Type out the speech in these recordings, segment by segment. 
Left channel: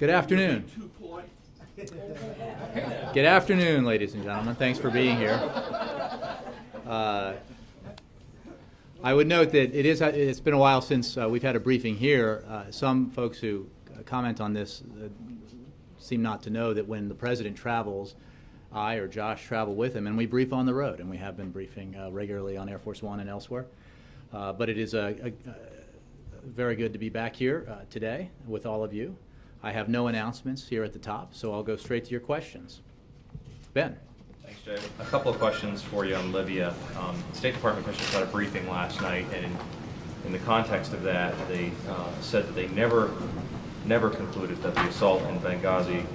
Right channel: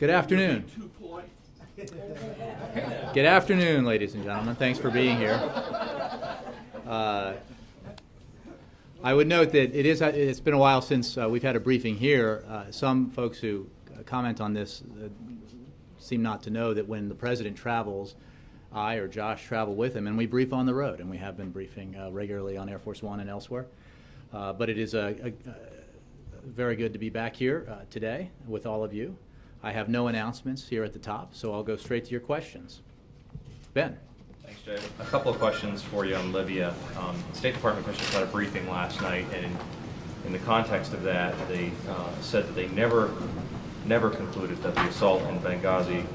Good afternoon. Good afternoon, ladies and gentlemen. Thanks for being here. I would note that it's been a while since we've had a briefing here. Some folks who comment on this seem not to know that when the president travels, I or Josh travel with him, and we brief on the road, and we have been briefing regularly on Air Force One and elsewhere. But it is very good to be back here today with all of you. I have no announcements here at the top, so I'll go straight to your questions. Ben. Thanks, Jay. A couple of questions for you on Libya. The State Department officials had a briefing last night, and in the context of that, they said that they never concluded that the assault in Benghazi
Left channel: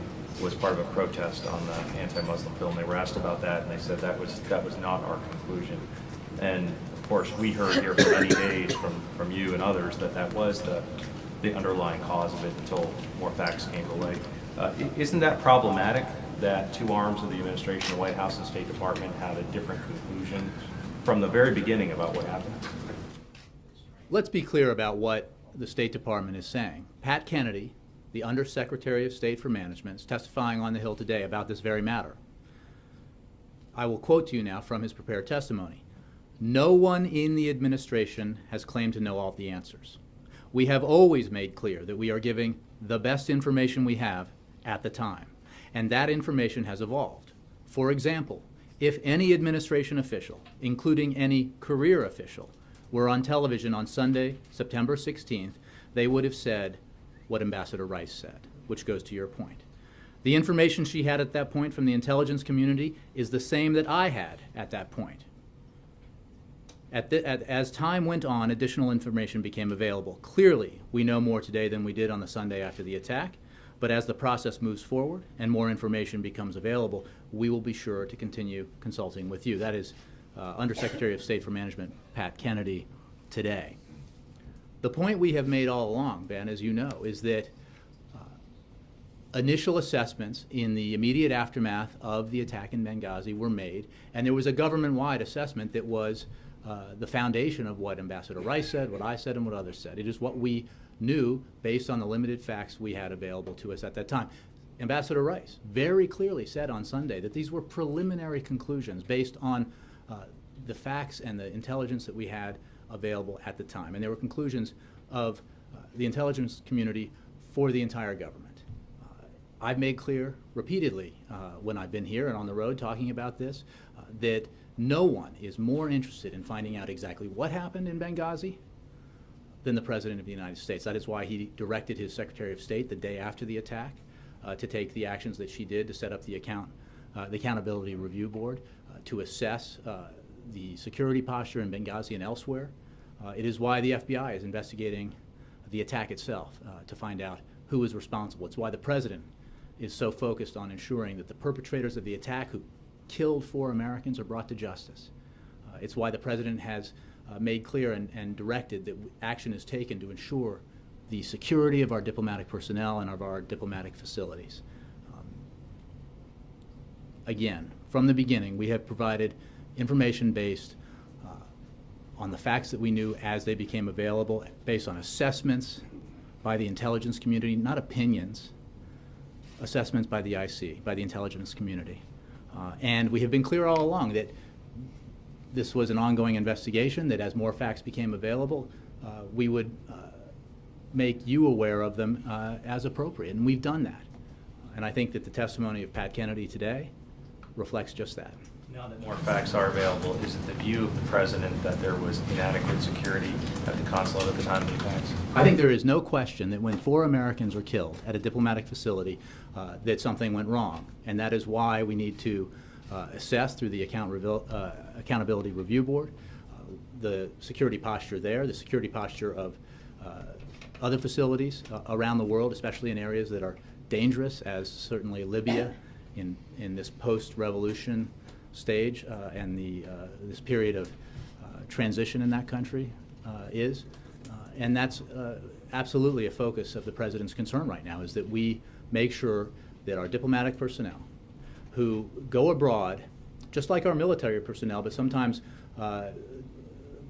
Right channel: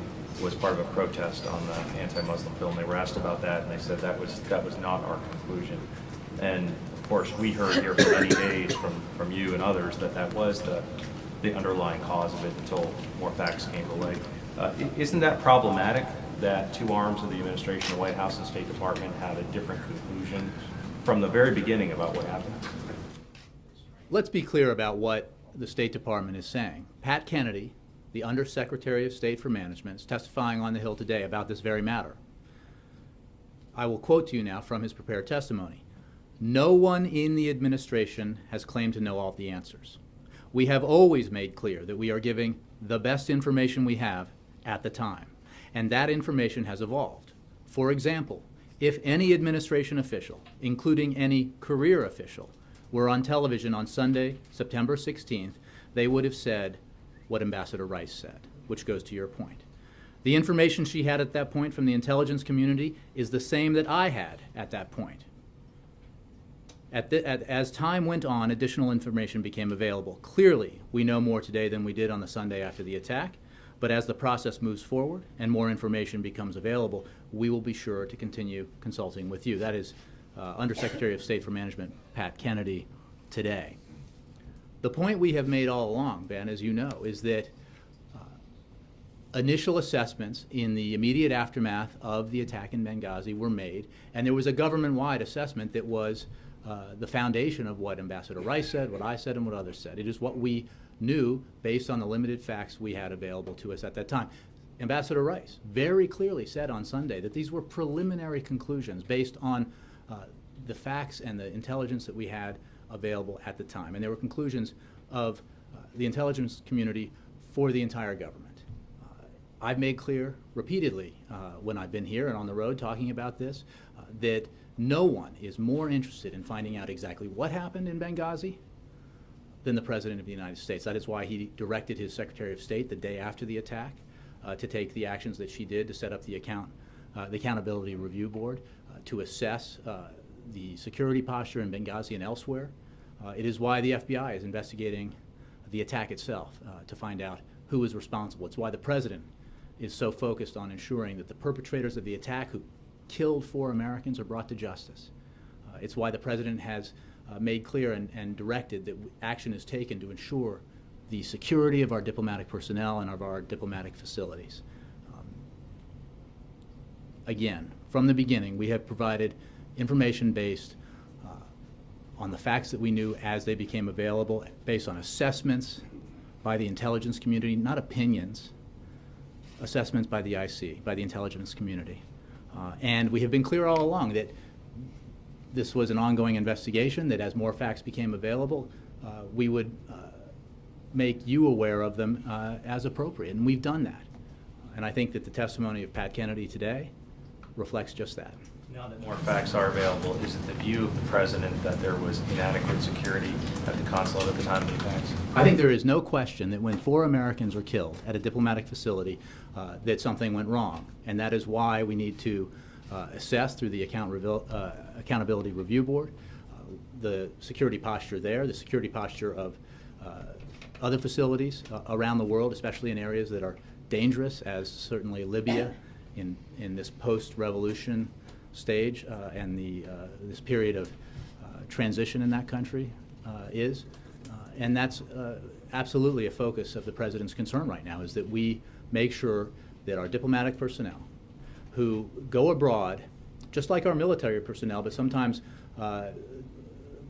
was part of a protest on the anti-Muslim film. They were asked about that, and they said that was not our conclusion. And of course, we heard here for many days from you and others that was the underlying cause of it until more facts came to light. Isn't that problematic that two arms of the administration, the White House and State Department, had a different conclusion from the very beginning about what happened? Let's be clear about what the State Department is saying. Pat Kennedy, the Undersecretary of State for Management, is testifying on the Hill today about this very matter. I will quote to you now from his prepared testimony. No one in the administration has claimed to know all of the answers. We have always made clear that we are giving the best information we have at the time, and that information has evolved. For example, if any administration official, including any career official, were on television on Sunday, September 16th, they would have said what Ambassador Rice said, which goes to your point. The information she had at that point from the intelligence community is the same that I had at that point. As time went on, additional information became available. Clearly, we know more today than we did on the Sunday after the attack, but as the process moves forward and more information becomes available, we will be sure to continue consulting with you. That is Undersecretary of State for Management Pat Kennedy today. The point we have made all along, Ben, as you know, is that initial assessments in the immediate aftermath of the attack in Benghazi were made, and there was a government-wide assessment that was the foundation of what Ambassador Rice said, what I said, and what others said. It is what we knew based on the limited facts we had available to us at that time. Ambassador Rice very clearly said on Sunday that these were preliminary conclusions based on the facts and the intelligence that we had available at the time. And they were conclusions of the intelligence community for the entire government. I've made clear repeatedly when I've been here and on the road talking about this that no one is more interested in finding out exactly what happened in Benghazi than the President of the United States. That is why he directed his Secretary of State the day after the attack to take the actions that she did to set up the Accountability Review Board to assess the security posture in Benghazi and elsewhere. It is why the FBI is investigating the attack itself to find out who is responsible. It's why the President is so focused on ensuring that the perpetrators of the attack who killed 4 Americans are brought to justice. It's why the President has made clear and directed that action is taken to ensure the security of our diplomatic personnel and of our diplomatic facilities. Again, from the beginning, we have provided information based on the facts that we knew as they became available, based on assessments by the intelligence community, not opinions, assessments by the IC, by the intelligence community. And we have been clear all along that this was an ongoing investigation, that as more facts became available, we would make you aware of them as appropriate, and we've done that. And I think that the testimony of Pat Kennedy today reflects just that. Now that more facts are available, is it the view of the President that there was inadequate security at the consulate at the time of the attacks? I think there is no question that when 4 Americans were killed at a diplomatic facility, that something went wrong. And that is why we need to assess through the Accountability Review Board the security posture there, the security posture of other facilities around the world, especially in areas that are dangerous, as certainly Libya in this post-revolution stage and this period of transition in that country is. And that's absolutely a focus of the President's concern right now, is that we make sure that our diplomatic personnel who go abroad, just like our military personnel, but sometimes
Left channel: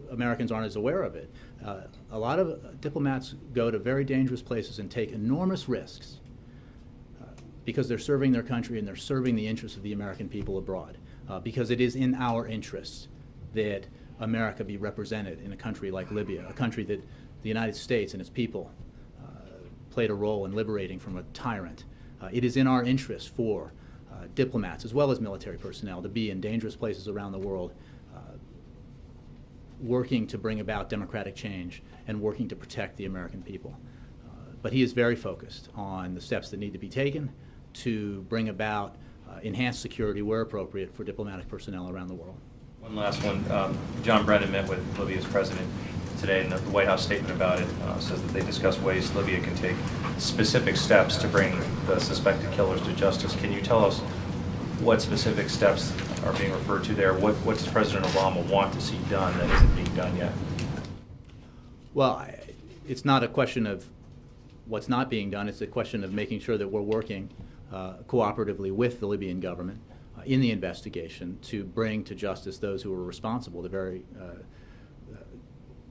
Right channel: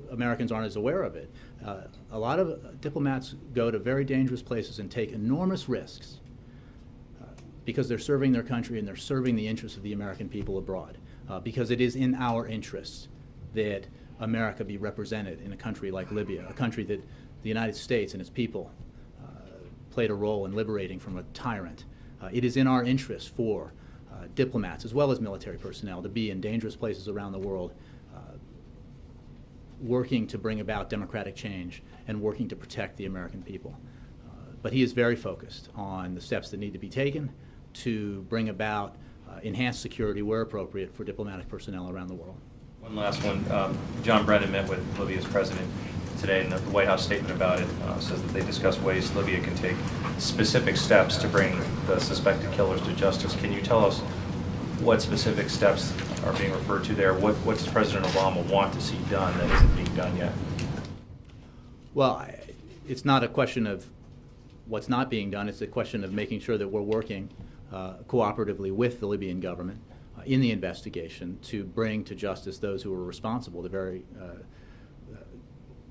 Americans aren't as aware of it. A lot of diplomats go to very dangerous places and take enormous risks because they're serving their country and they're serving the interests of the American people abroad. Because it is in our interests that America be represented in a country like Libya, a country that the United States and its people played a role in liberating from a tyrant. It is in our interest for diplomats as well as military personnel to be in dangerous places around the world, working to bring about democratic change and working to protect the American people. But he is very focused on the steps that need to be taken to bring about enhanced security where appropriate for diplomatic personnel around the world. One last one. John Brennan met with Libya's president today, and the White House statement about it says that they discussed ways Libya can take specific steps to bring the suspected killers to justice. Can you tell us what specific steps are being referred to there? What does President Obama want to see done that isn't being done yet? Well, it's not a question of what's not being done. It's a question of making sure that we're working cooperatively with the Libyan government in the investigation to bring to justice those who were responsible. The very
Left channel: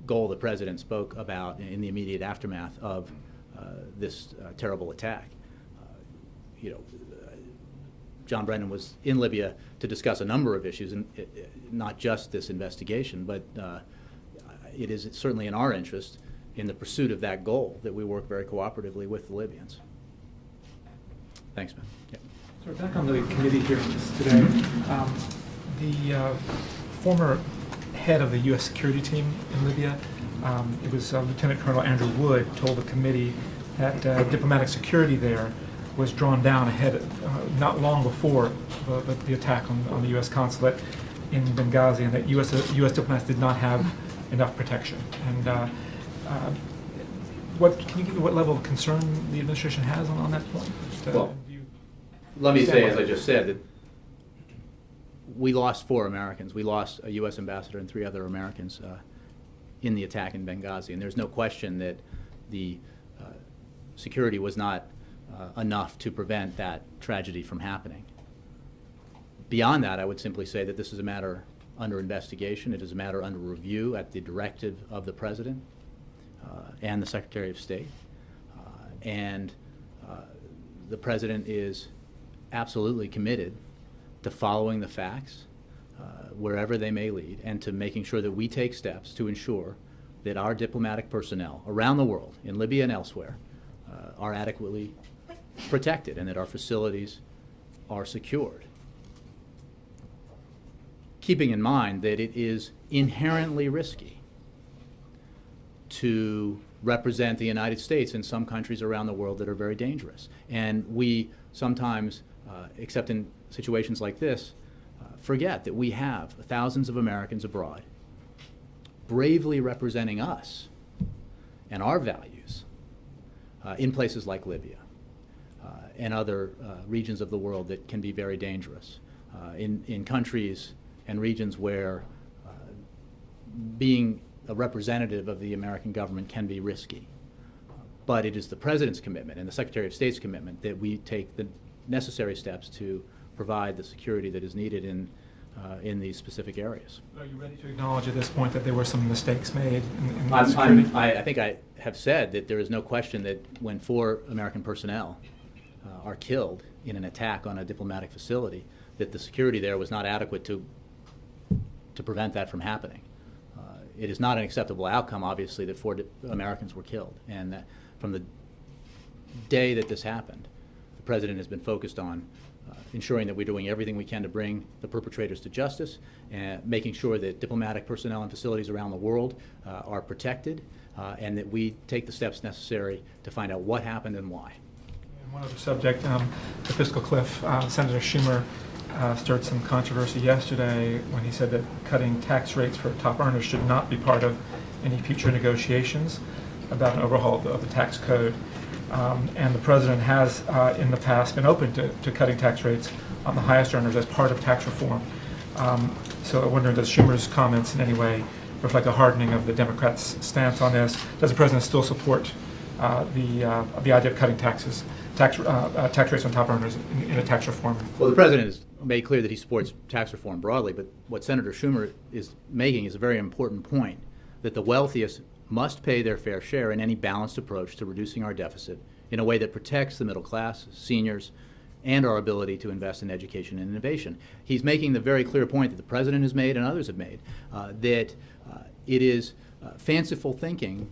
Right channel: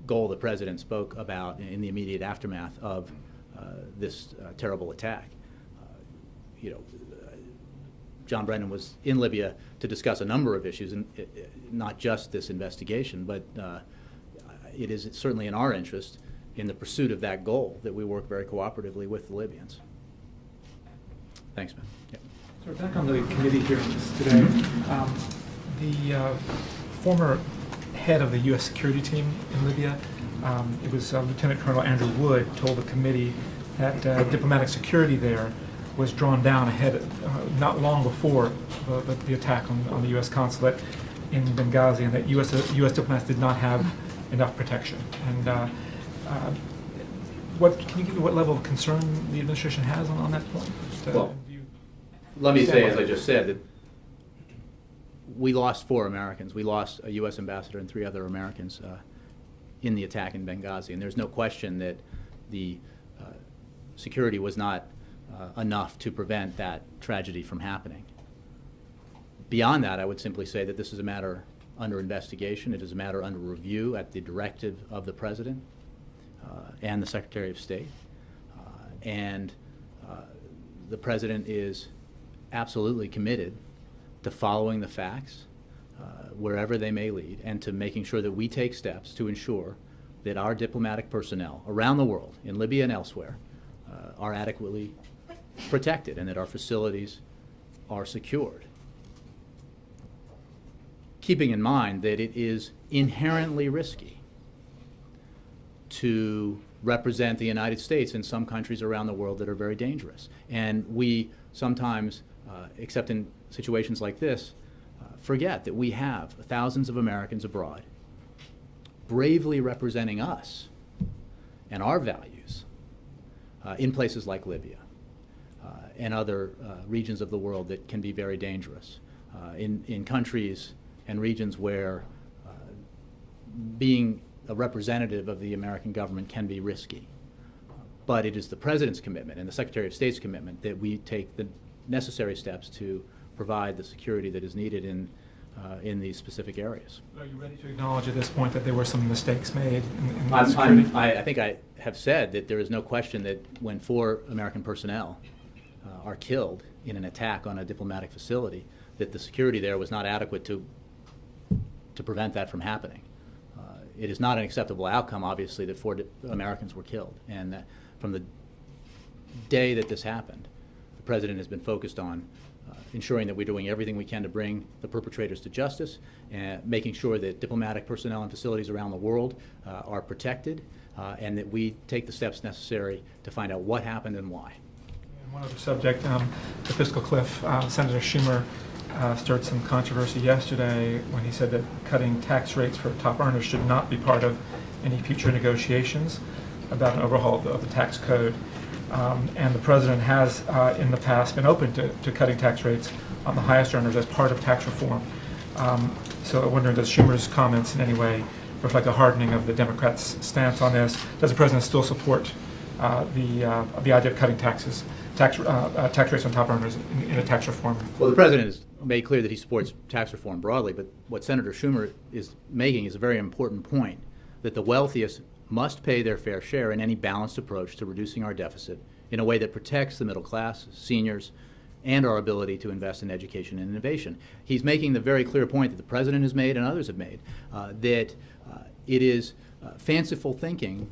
goal the President spoke about in the immediate aftermath of this terrible attack. John Brennan was in Libya to discuss a number of issues, and not just this investigation, but it is certainly in our interest in the pursuit of that goal that we work very cooperatively with the Libyans. Thanks, man. Yeah. So we're back on the committee hearings today. The former head of the U.S. security team in Libya, it was Lieutenant Colonel Andrew Wood, told the committee that diplomatic security there was drawn down not long before the attack on the U.S. consulate in Benghazi, and that U.S. diplomats did not have enough protection. And what level of concern the administration has on that point? Well, let me say, as I just said, that we lost 4 Americans. We lost a U.S. ambassador and 3 other Americans in the attack in Benghazi, and there's no question that the security was not enough to prevent that tragedy from happening. Beyond that, I would simply say that this is a matter under investigation. It is a matter under review at the directive of the President and the Secretary of State. And the President is absolutely committed to following the facts wherever they may lead, and to making sure that we take steps to ensure that our diplomatic personnel around the world, in Libya and elsewhere, are adequately protected and that our facilities are secured. Keeping in mind that it is inherently risky to represent the United States in some countries around the world that are very dangerous. And we sometimes, except in situations like this, forget that we have thousands of Americans abroad bravely representing us and our values in places like Libya and other regions of the world that can be very dangerous, in countries and regions where being a representative of the American government can be risky. But it is the President's commitment and the Secretary of State's commitment that we take the necessary steps to provide the security that is needed in these specific areas. Are you ready to acknowledge at this point that there were some mistakes made in the security? I think I have said that there is no question that when 4 American personnel are killed in an attack on a diplomatic facility, that the security there was not adequate to prevent that from happening. It is not an acceptable outcome, obviously, that 4 Americans were killed. And that from the day that this happened, the President has been focused on ensuring that we're doing everything we can to bring the perpetrators to justice, and making sure that diplomatic personnel and facilities around the world are protected, and that we take the steps necessary to find out what happened and why. And one other subject, the fiscal cliff. Senator Schumer stirred some controversy yesterday when he said that cutting tax rates for top earners should not be part of any future negotiations about an overhaul of the tax code. And the President has, in the past, been open to cutting tax rates on the highest earners as part of tax reform. So I wonder, does Schumer's comments in any way reflect a hardening of the Democrats' stance on this? Does the President still support the idea of cutting tax rates on top earners in a tax reform? Well, the President has made clear that he supports tax reform broadly, but what Senator Schumer is making is a very important point, that the wealthiest must pay their fair share in any balanced approach to reducing our deficit in a way that protects the middle class, seniors, and our ability to invest in education and innovation. He's making the very clear point that the president has made and others have made, that it is fanciful thinking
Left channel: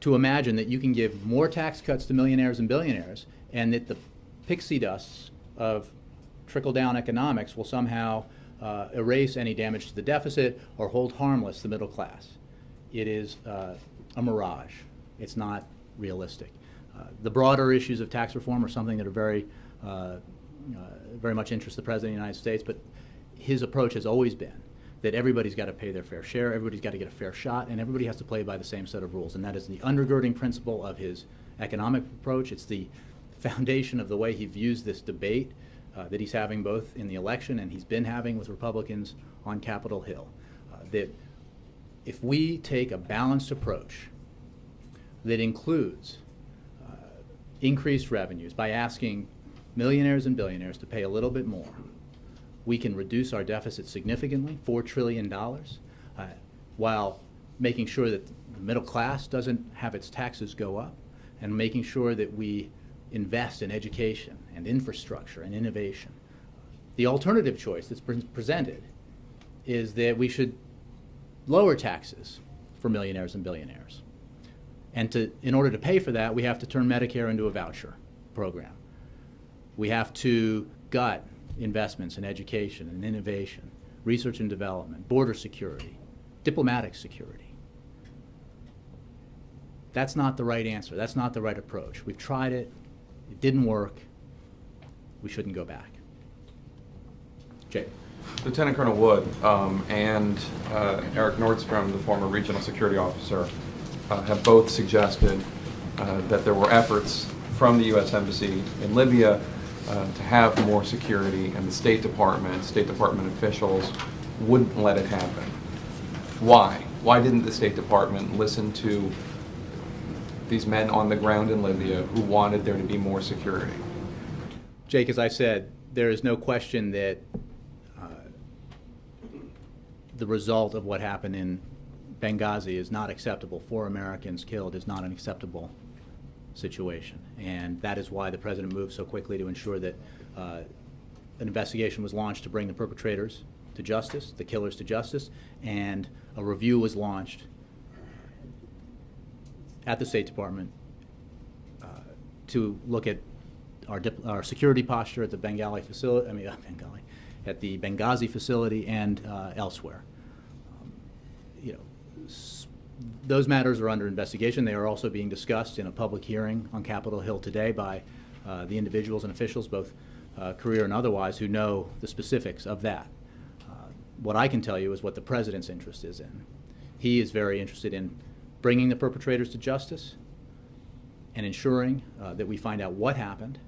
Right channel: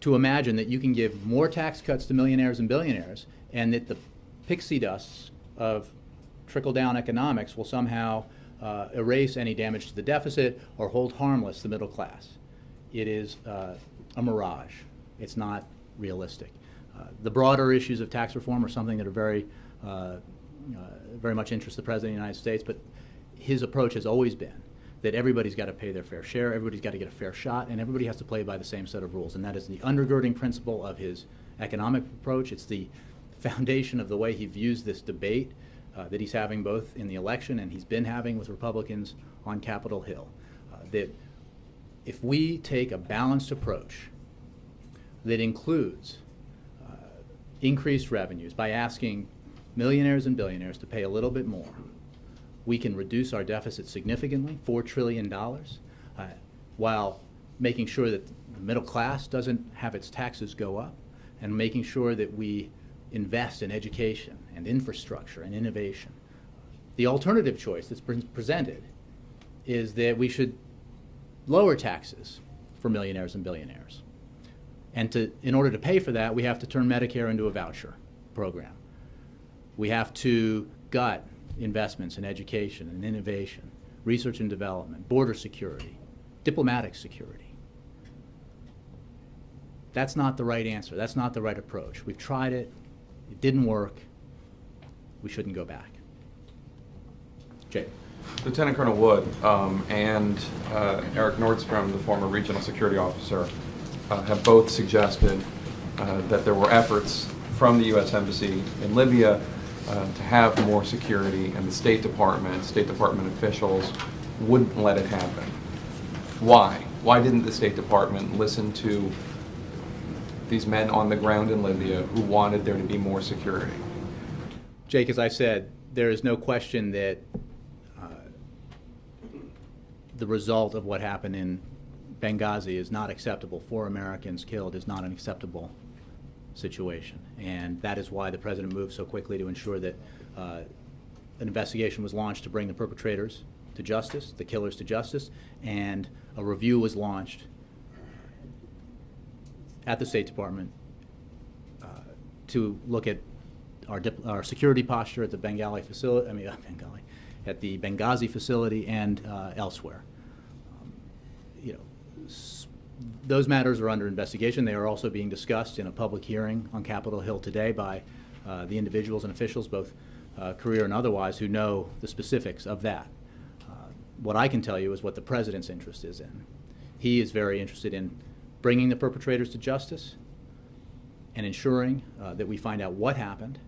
to imagine that you can give more tax cuts to millionaires and billionaires and that the pixie dust of trickle-down economics will somehow erase any damage to the deficit or hold harmless the middle class. It is a mirage. It's not realistic. The broader issues of tax reform are something that are very much interest the President of the United States, but his approach has always been that everybody's got to pay their fair share, everybody's got to get a fair shot, and everybody has to play by the same set of rules. And that is the undergirding principle of his economic approach. It's the foundation of the way he views this debate that he's having both in the election and he's been having with Republicans on Capitol Hill. That if we take a balanced approach that includes increased revenues by asking millionaires and billionaires to pay a little bit more, we can reduce our deficit significantly, $4 trillion, while making sure that the middle class doesn't have its taxes go up, and making sure that we invest in education and infrastructure and innovation. The alternative choice that's presented is that we should lower taxes for millionaires and billionaires. And in order to pay for that, we have to turn Medicare into a voucher program. We have to gut investments in education and innovation, research and development, border security, diplomatic security. That's not the right answer. That's not the right approach. We've tried it. It didn't work. We shouldn't go back. Jake. Lieutenant Colonel Wood and Eric Nordstrom, the former regional security officer, have both suggested that there were efforts from the U.S. Embassy in Libya to have more security, and the State Department officials wouldn't let it happen. Why? Why didn't the State Department listen to these men on the ground in Libya who wanted there to be more security? Jake, as I said, there is no question that the result of what happened in Benghazi is not acceptable. 4 Americans killed is not an acceptable situation. And that is why the President moved so quickly to ensure that an investigation was launched to bring the perpetrators to justice, the killers to justice, and a review was launched at the State Department to look at our security posture at the Bengali facility, at the Benghazi facility and elsewhere. Those matters are under investigation. They are also being discussed in a public hearing on Capitol Hill today by the individuals and officials, both career and otherwise, who know the specifics of that. What I can tell you is what the President's interest is in. He is very interested in bringing the perpetrators to justice and ensuring that we find out what happened,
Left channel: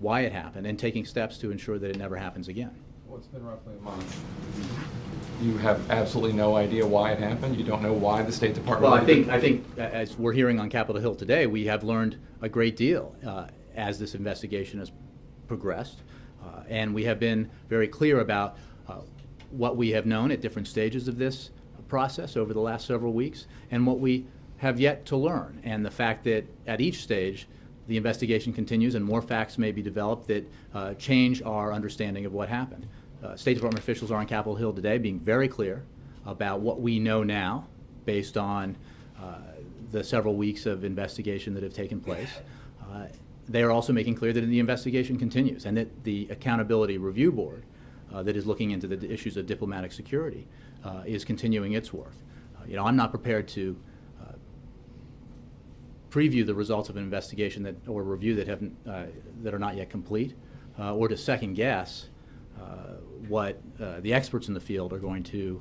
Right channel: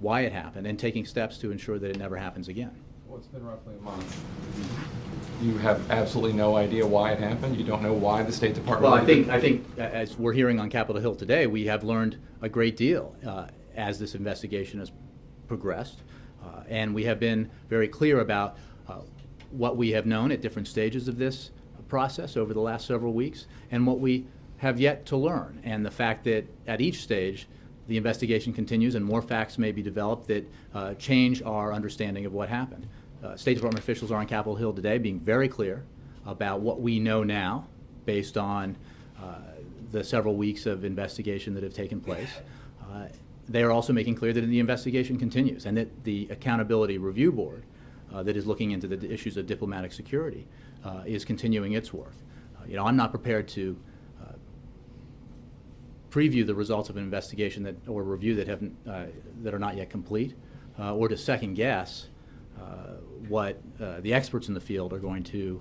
why it happened, and taking steps to ensure that it never happens again. Well, it's been roughly a month. You have absolutely no idea why it happened? You don't know why the State Department... Well, I think as we're hearing on Capitol Hill today, we have learned a great deal as this investigation has progressed. And we have been very clear about what we have known at different stages of this process over the last several weeks and what we have yet to learn. And the fact that at each stage the investigation continues and more facts may be developed that change our understanding of what happened. State Department officials are on Capitol Hill today being very clear about what we know now based on the several weeks of investigation that have taken place. They are also making clear that the investigation continues and that the Accountability Review Board that is looking into the issues of diplomatic security is continuing its work. I'm not prepared to preview the results of an investigation or review that are not yet complete, or to second guess what the experts in the field are going to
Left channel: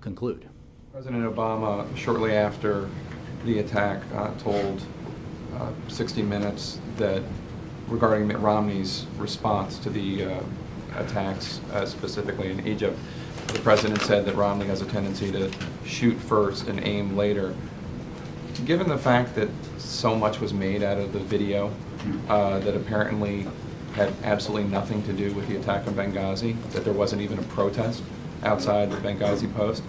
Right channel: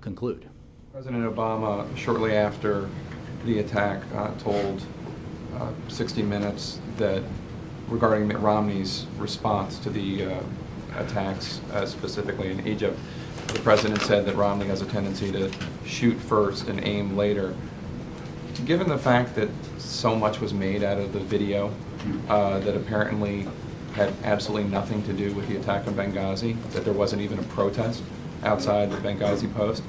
conclude. President Obama, shortly after the attack, told 60 Minutes that regarding Mitt Romney's response to the attacks, specifically in Egypt, the president said that Romney has a tendency to shoot first and aim later. Given the fact that so much was made out of the video that apparently had absolutely nothing to do with the attack on Benghazi, that there wasn't even a protest outside the Benghazi post,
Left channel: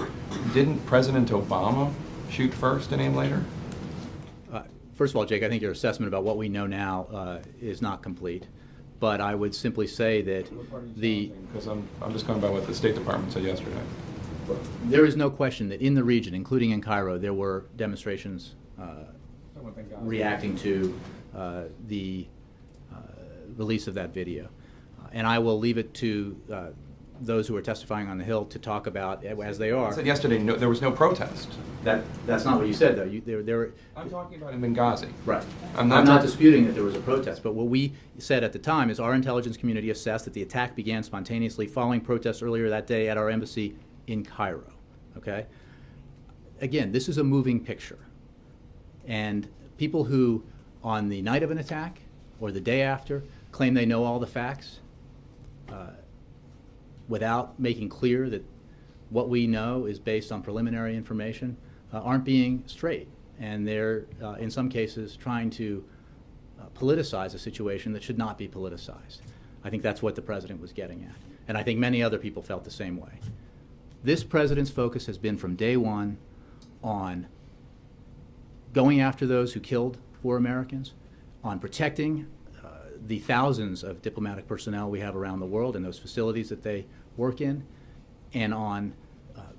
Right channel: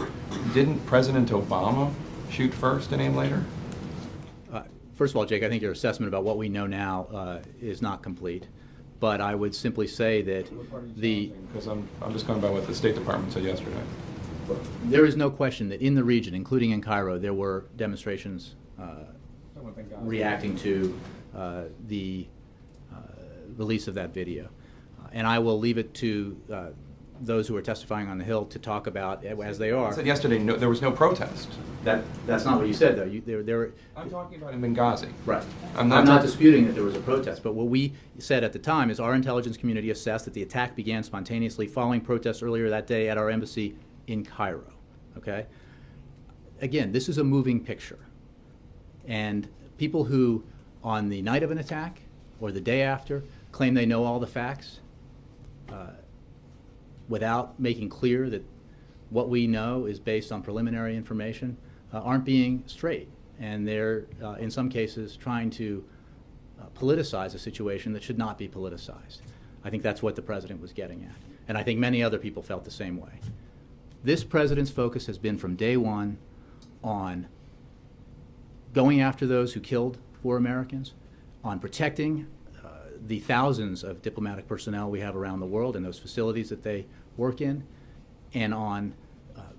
didn't President Obama shoot first and aim later? First of all, Jake, I think your assessment about what we know now is not complete. but I would simply say that Because I'm just going by what the State Department said yesterday. there is no question that in the region, including in Cairo, there were demonstrations reacting to the release of that video. And I will leave it to those who are testifying on the Hill to talk about as they are. I said yesterday there was no protest. That's not what you said, though. There I'm talking about in Benghazi. right. I'm I'm not not disputing that there was a protest, but what we said at the time is our intelligence community assessed that the attack began spontaneously following protests earlier that day at our embassy in Cairo. Okay? Again, this is a moving picture. And people who, on the night of an attack or the day after, claim they know all the facts without making clear that what we know is based on preliminary information aren't being straight. And they're, in some cases, trying to politicize a situation that should not be politicized. I think that's what the president was getting at. And I think many other people felt the same way. This president's focus has been from day one on going after those who killed 4 Americans, on protecting the thousands of diplomatic personnel we have around the world and those facilities that they work in, and on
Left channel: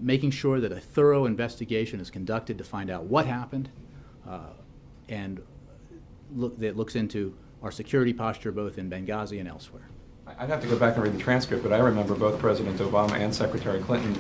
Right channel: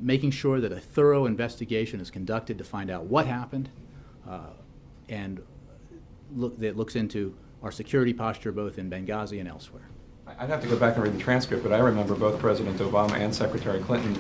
making sure that a thorough investigation is conducted to find out what happened and that looks into our security posture both in Benghazi and elsewhere. I'd have to go back and read the transcript, but I remember both President Obama and Secretary Clinton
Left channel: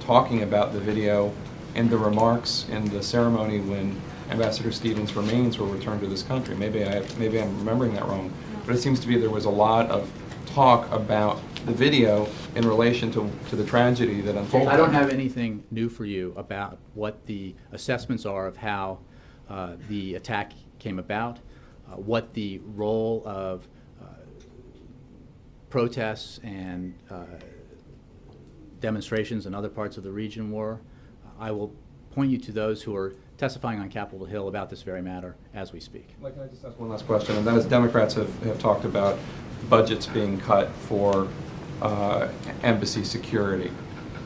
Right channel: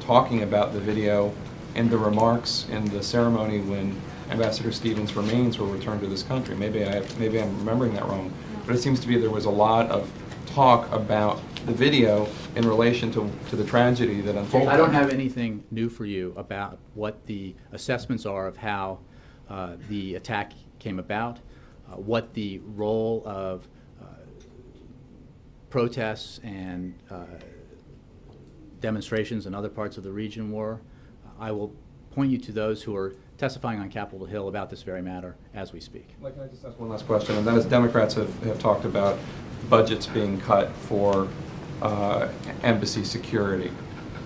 talking about the video and the remarks in the ceremony when Ambassador Stevens' remains were returned to this country. Maybe I'm remembering that wrong, but it seems to me there was a lot of talk about the video in relation to the tragedy that unfolded. I don't have anything new for you about what the assessments are of how the attack came about, what the role of protests and demonstrations in other parts of the region were. I will point you to those who are testifying on Capitol Hill about this very matter as we speak. Can I just ask one last question? And that is, Democrats have talked about budgets being cut for embassy security.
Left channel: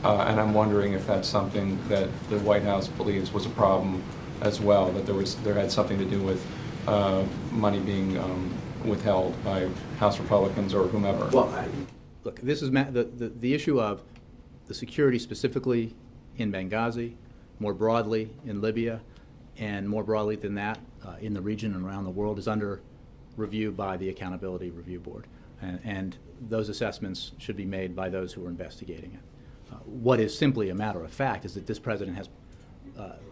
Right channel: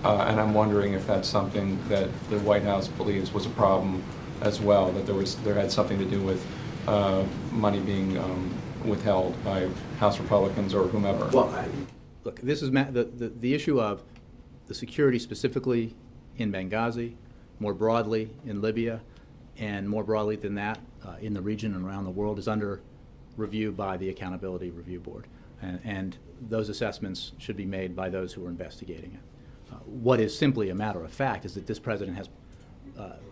And I'm wondering if that's something that the White House believes was a problem as well, that there had something to do with money being withheld by House Republicans or whomever. Well, look, this is the issue of the security specifically in Benghazi, more broadly in Libya, and more broadly than that in the region and around the world is under review by the Accountability Review Board. And those assessments should be made by those who are investigating it. What is simply a matter of fact is that this president has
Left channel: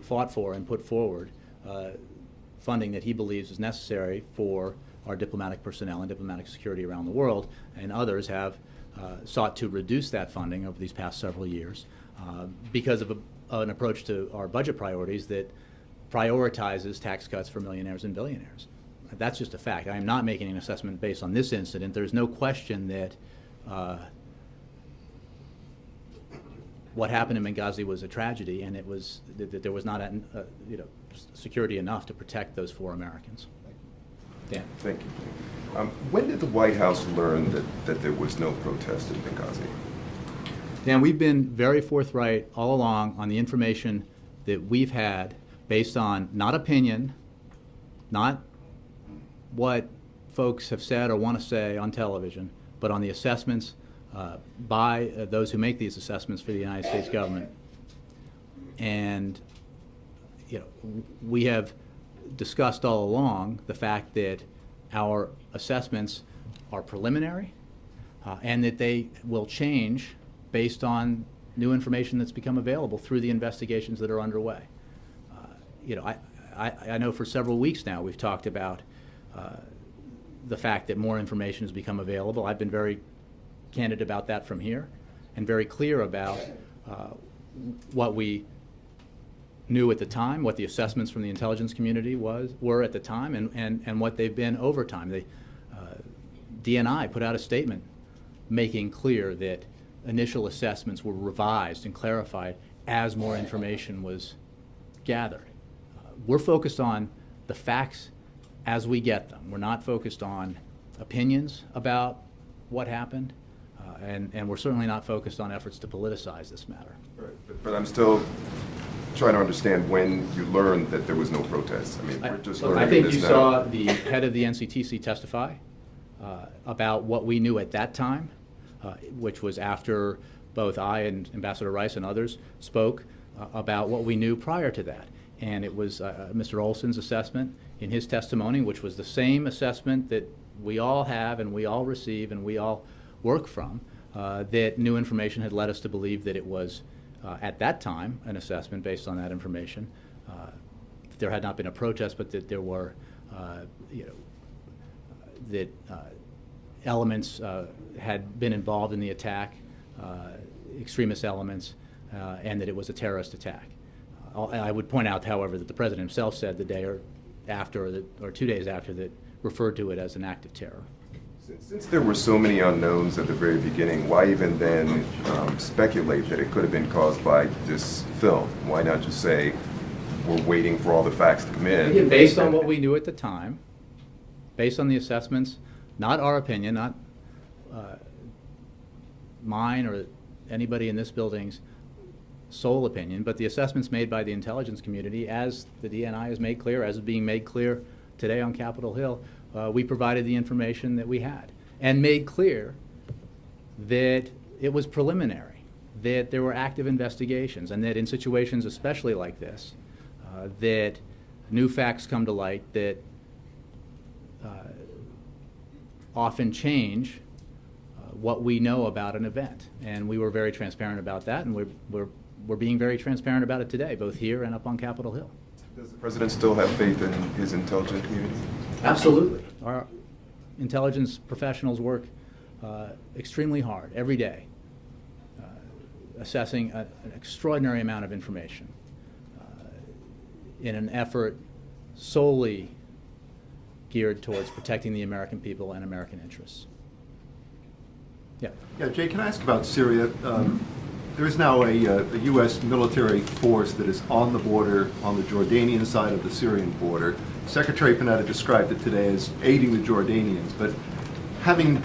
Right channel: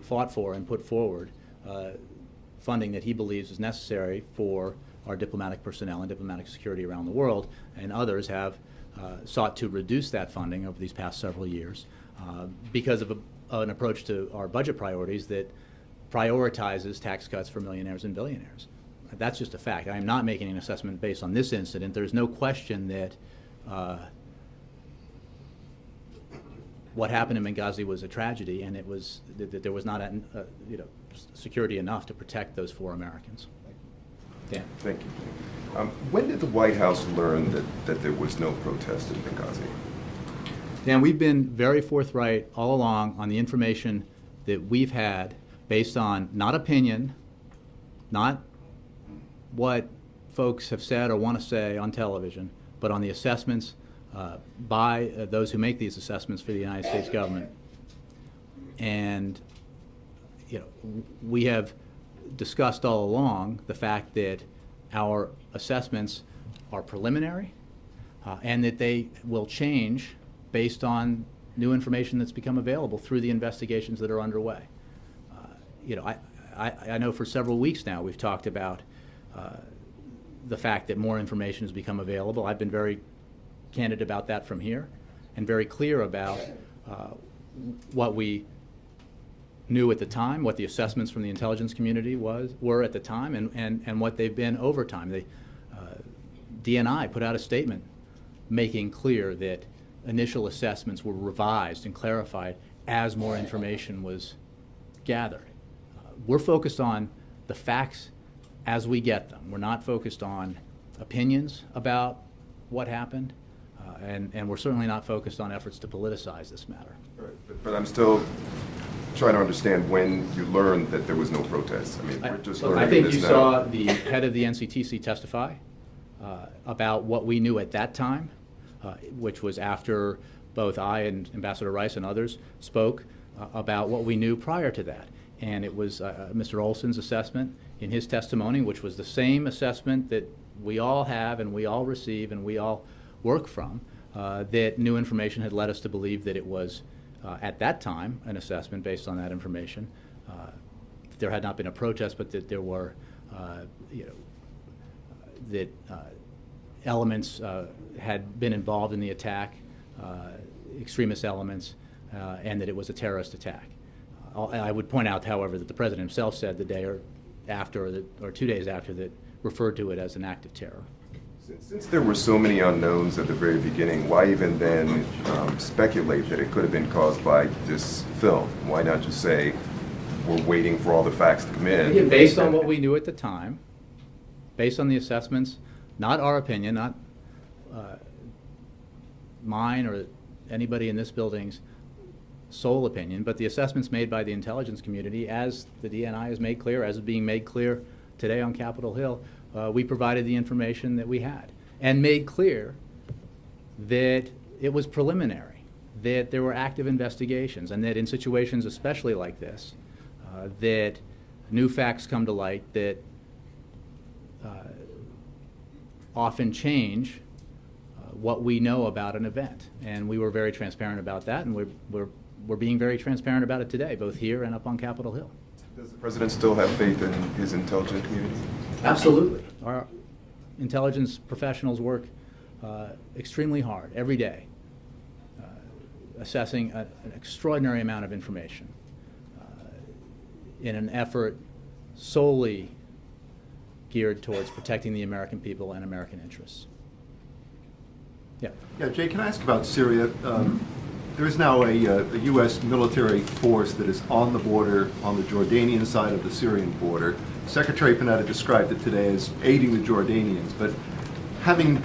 fought for and put forward funding that he believes is necessary for our diplomatic personnel and diplomatic security around the world, and others have sought to reduce that funding over these past several years because of an approach to our budget priorities that prioritizes tax cuts for millionaires and billionaires. That's just a fact. I am not making an assessment based on this incident. There's no question that what happened in Benghazi was a tragedy, and it was that there was not security enough to protect those 4 Americans. Yeah. Thank you. When did the White House learn that there was no protest in Benghazi? Dan, we've been very forthright all along on the information that we've had based on not opinion, not what folks have said or want to say on television, but on the assessments by those who make these assessments for the United States government. And we have discussed all along the fact that our assessments are preliminary and that they will change based on new information that's become available through the investigations that are underway. I know for several weeks now we've talked about the fact that more information has become available. I've been very candid about that from here and very clear about what we knew at the time, what the assessments from the intelligence community were at the time, and what they've been over time. DNI put out a statement making clear that initial assessments were revised and clarified as more information was gathered. We're focused on the facts as we get them. We're not focused on opinions about what happened, and we're certainly not focused on efforts to politicize this matter. Right. But I'm still trying to understand when you learned that there was no protest. I mean, we're just learning I think this you now. saw the head of the NCTC testify about what we knew at that time, which was after both I and Ambassador Rice and others spoke about what we knew prior to that. And it was Mr. Olson's assessment in his testimony, which was the same assessment that we all have and we all receive and we all work from, that new information had led us to believe that it was, at that time, an assessment based on that information. There had not been a protest, but that there were, that elements had been involved in the attack, extremist elements, and that it was a terrorist attack. I would point out, however, that the President himself said the day or after, or 2 days after, that referred to it as an act of terror. Since there were so many unknowns at the very beginning, why even then speculate that it could have been caused by this film? Why not just say, we're waiting for all the facts to come in? Again, based on what we knew at the time, based on the assessments, not our opinion, not mine or anybody in this building's sole opinion, but the assessments made by the intelligence community, as the DNI has made clear, as is being made clear today on Capitol Hill, we provided the information that we had and made clear that it was preliminary, that there were active investigations, and that in situations especially like this, that new facts come to light that often change what we know about an event. And we were very transparent about that, and we're being very transparent about it today, both here and up on Capitol Hill. Does the President still have faith in his intelligence community? Absolutely. Our intelligence professionals work extremely hard every day, assessing an extraordinary amount of information in an effort solely geared towards protecting the American people and American interests. Yeah. Yeah, Jay, can I ask about Syria? There is now a U.S. military force that is on the border, on the Jordanian side of the Syrian border. Secretary Panetta described it today as aiding the Jordanians, but having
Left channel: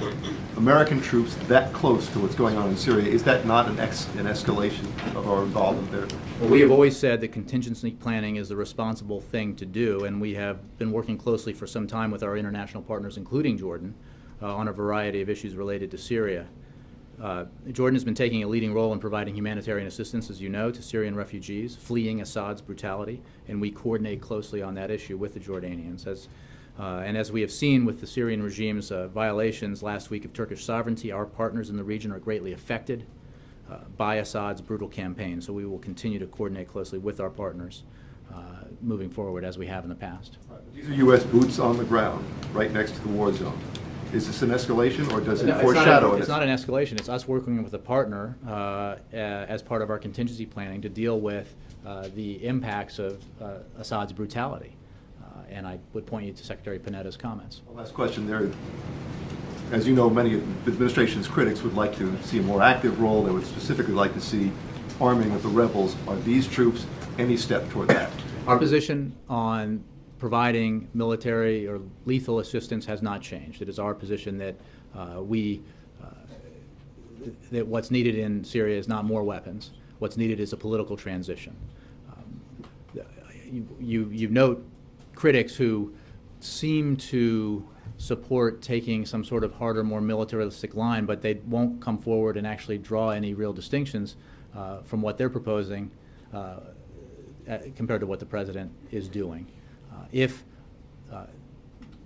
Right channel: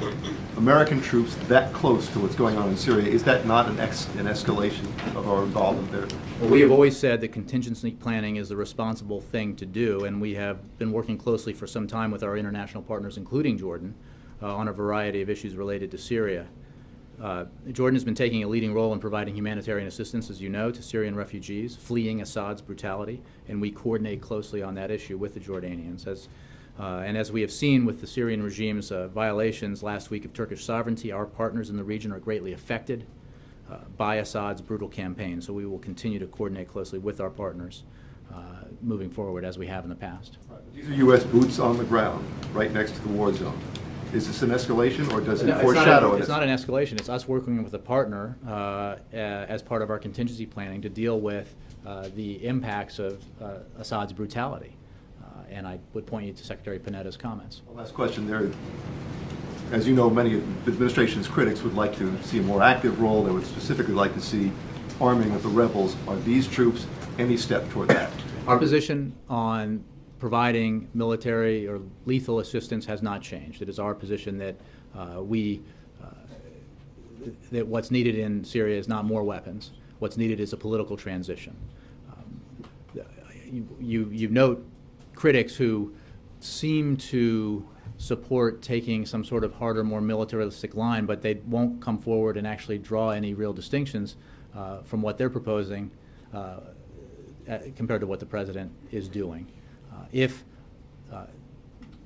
American troops that close to what's going on in Syria, is that not an escalation of our involvement there? Well, we have always said that contingency planning is the responsible thing to do, and we have been working closely for some time with our international partners, including Jordan, on a variety of issues related to Syria. Jordan has been taking a leading role in providing humanitarian assistance, as you know, to Syrian refugees fleeing Assad's brutality, and we coordinate closely on that issue with the Jordanians. And as we have seen with the Syrian regime's violations last week of Turkish sovereignty, our partners in the region are greatly affected by Assad's brutal campaign, so we will continue to coordinate closely with our partners moving forward, as we have in the past. These are U.S. boots on the ground, right next to the war zone. Is this an escalation, or does it No, foreshadow it's not an escalation. It's us working with a partner as part of our contingency planning to deal with the impacts of Assad's brutality. And I would point you to Secretary Panetta's comments. Last question there. As you know, many of the administration's critics would like to see a more active role. They would specifically like to see arming of the rebels. Are these troops any step toward that? Our position on providing military or lethal assistance has not changed. It is our position that that what's needed in Syria is not more weapons. What's needed is a political transition. You note critics who seem to support taking some sort of harder, more militaristic line, but they won't come forward and actually draw any real distinctions from what they're proposing compared to what the President is doing. If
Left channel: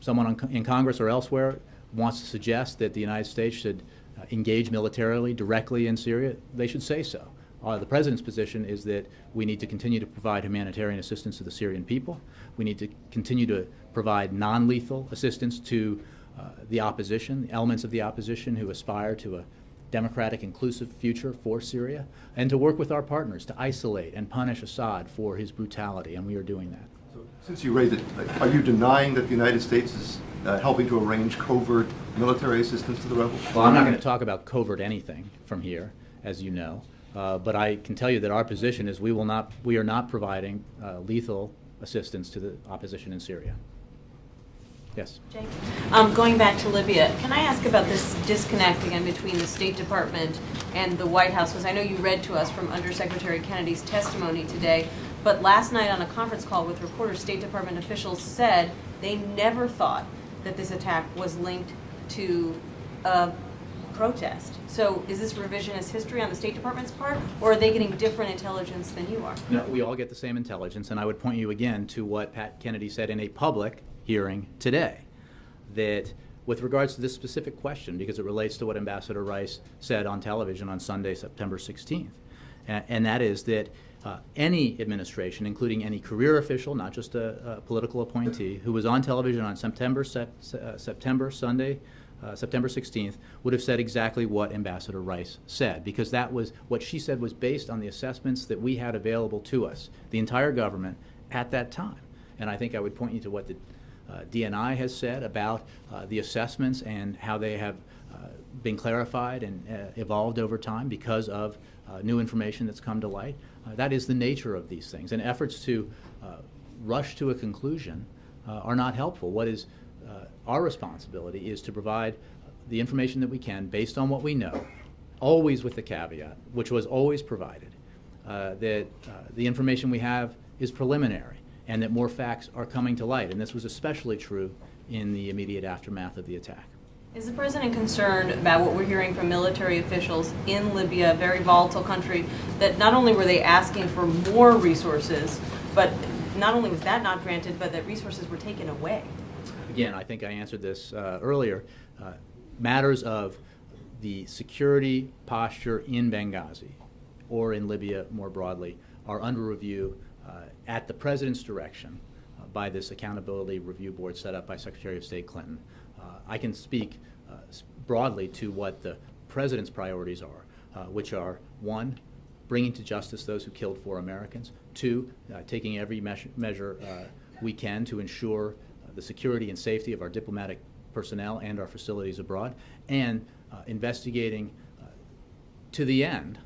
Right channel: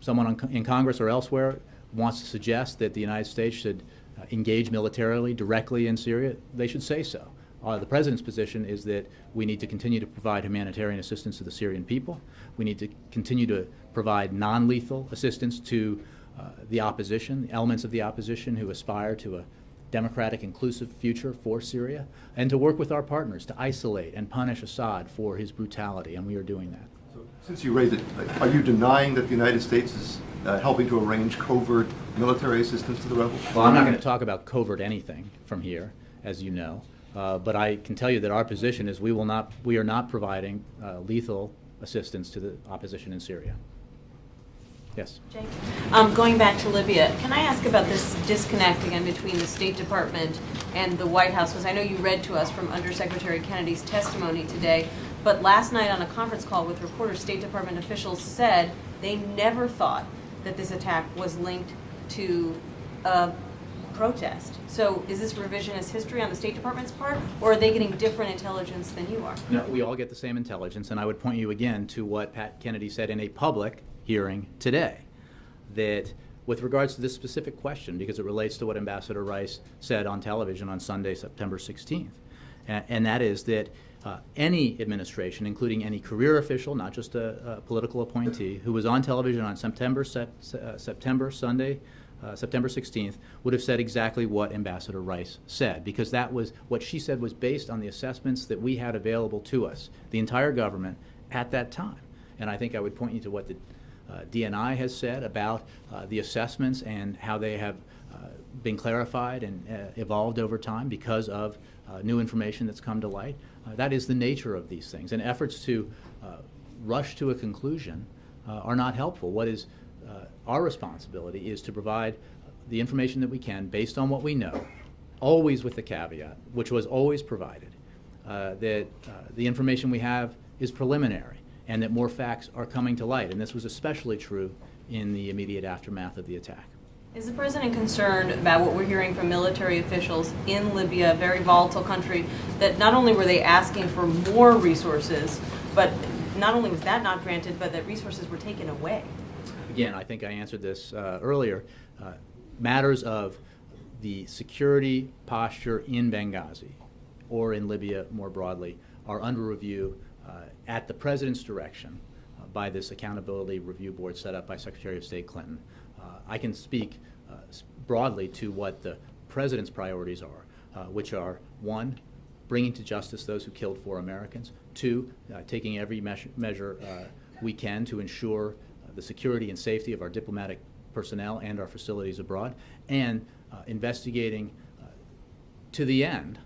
someone in Congress or elsewhere wants to suggest that the United States should engage militarily directly in Syria, they should say so. The President's position is that we need to continue to provide humanitarian assistance to the Syrian people. We need to continue to provide non-lethal assistance to the opposition, the elements of the opposition who aspire to a democratic, inclusive future for Syria, and to work with our partners to isolate and punish Assad for his brutality, and we are doing that. So, since you raised it, are you denying that the United States is helping to arrange covert military assistance to the rebels? Well, I'm not going to talk about covert anything from here, as you know, but I can tell you that our position is we are not providing lethal assistance to the opposition in Syria. Yes. Jake, going back to Libya, can I ask about this disconnect again between the State Department and the White House? Because I know you read to us from Undersecretary Kennedy's testimony today, but last night on a conference call with reporters, State Department officials said they never thought that this attack was linked to a protest. So is this revisionist history on the State Department's part, or are they getting different intelligence than you are? No, we all get the same intelligence, and I would point you again to what Pat Kennedy said in a public hearing today, that with regards to this specific question, because it relates to what Ambassador Rice said on television on Sunday, September 16th, and that is that any administration, including any career official, not just a political appointee, who was on television on September 16th, would have said exactly what Ambassador Rice said, because that was what she said was based on the assessments that we had available to us, the entire government, at that time. And I think I would point you to what the DNI has said about the assessments and how they have been clarified and evolved over time because of new information that's come to light. That is the nature of these things, and efforts to rush to a conclusion are not helpful. What is our responsibility is to provide the information that we can based on what we know, always with the caveat, which was always provided, that the information we have is preliminary and that more facts are coming to light. And this was especially true in the immediate aftermath of the attack. Is the president concerned about what we're hearing from military officials in Libya, a very volatile country, that not only were they asking for more resources, but not only was that not granted, but that resources were taken away? Again, I think I answered this earlier. Matters of the security posture in Benghazi or in Libya more broadly are under review at the president's direction by this accountability review board set up by Secretary of State Clinton. I can speak broadly to what the president's priorities are, which are, one, bringing to justice those who killed 4 Americans, 2, taking every measure we can to ensure the security and safety of our diplomatic personnel and our facilities abroad, and investigating to the end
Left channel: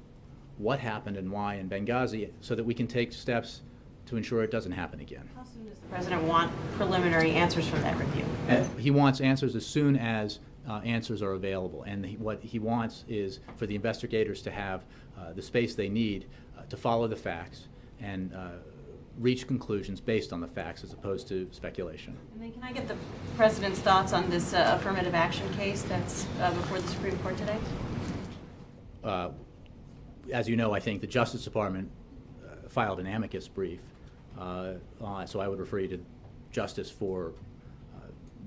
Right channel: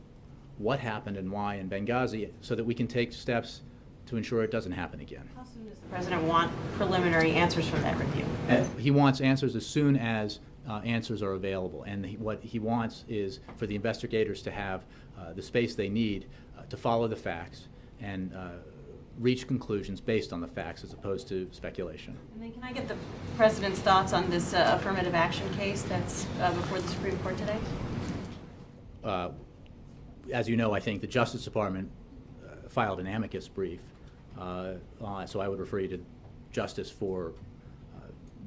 what happened and why in Benghazi so that we can take steps to ensure it doesn't happen again. How soon does the president want preliminary answers from that review? He wants answers as soon as answers are available, and what he wants is for the investigators to have the space they need to follow the facts and reach conclusions based on the facts as opposed to speculation. And then can I get the president's thoughts on this affirmative action case that's before the Supreme Court today? As you know, I think the Justice Department filed an amicus brief, so I would refer you to Justice for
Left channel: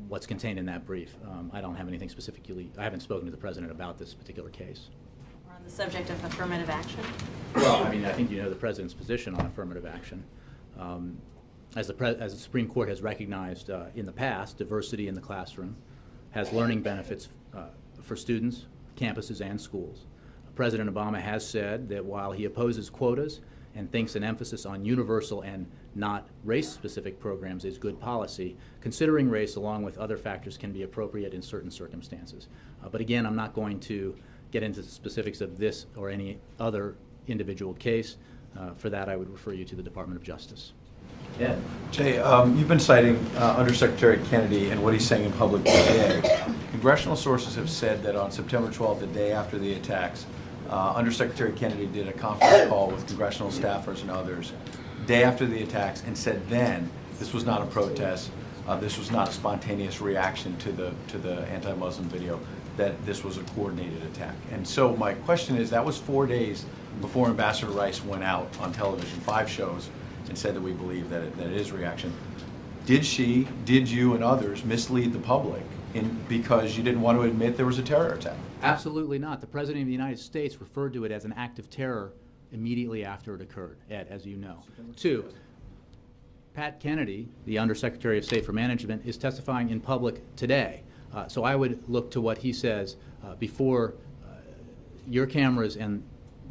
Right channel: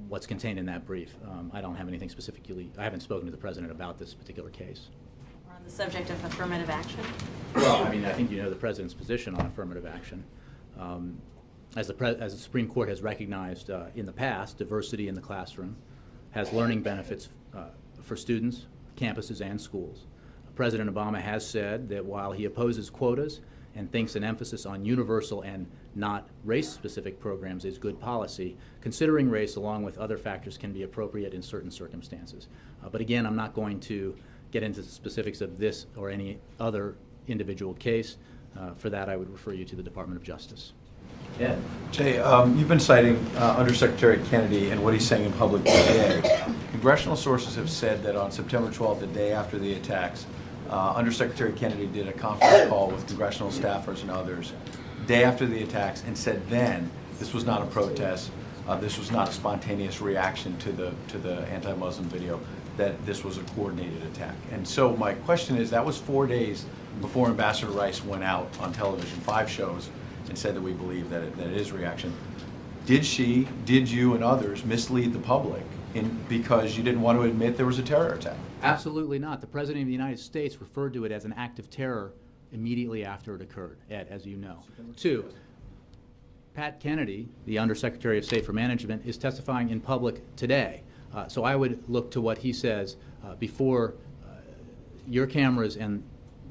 what's contained in that brief. I don't have anything specifically. I haven't spoken to the president about this particular case. Or on the subject of affirmative action? Well, I mean, I think you know the president's position on affirmative action. As the Supreme Court has recognized in the past, diversity in the classroom has learning benefits for students, campuses, and schools. President Obama has said that while he opposes quotas and thinks an emphasis on universal and not race-specific programs is good policy, considering race along with other factors can be appropriate in certain circumstances. But again, I'm not going to get into the specifics of this or any other individual case. For that, I would refer you to the Department of Justice. Yeah. Jay, you've been citing Undersecretary Kennedy and what he's saying in public today. Congressional sources have said that on September 12th, the day after the attacks, Undersecretary Kennedy did a conference call with congressional staffers and others day after the attacks and said then this was not a protest, this was not a spontaneous reaction to the anti-Muslim video, that this was a coordinated attack. And so my question is, that was 4 days before Ambassador Rice went out on television, 5 shows, and said that we believe that it is reaction. Did you and others mislead the public because you didn't want to admit there was a terror attack? Absolutely not. The President of the United States referred to it as an act of terror immediately after it occurred, Ed, as you know. 2, Pat Kennedy, the Undersecretary of State for Management, is testifying in public today. So I would look to what he says before your cameras and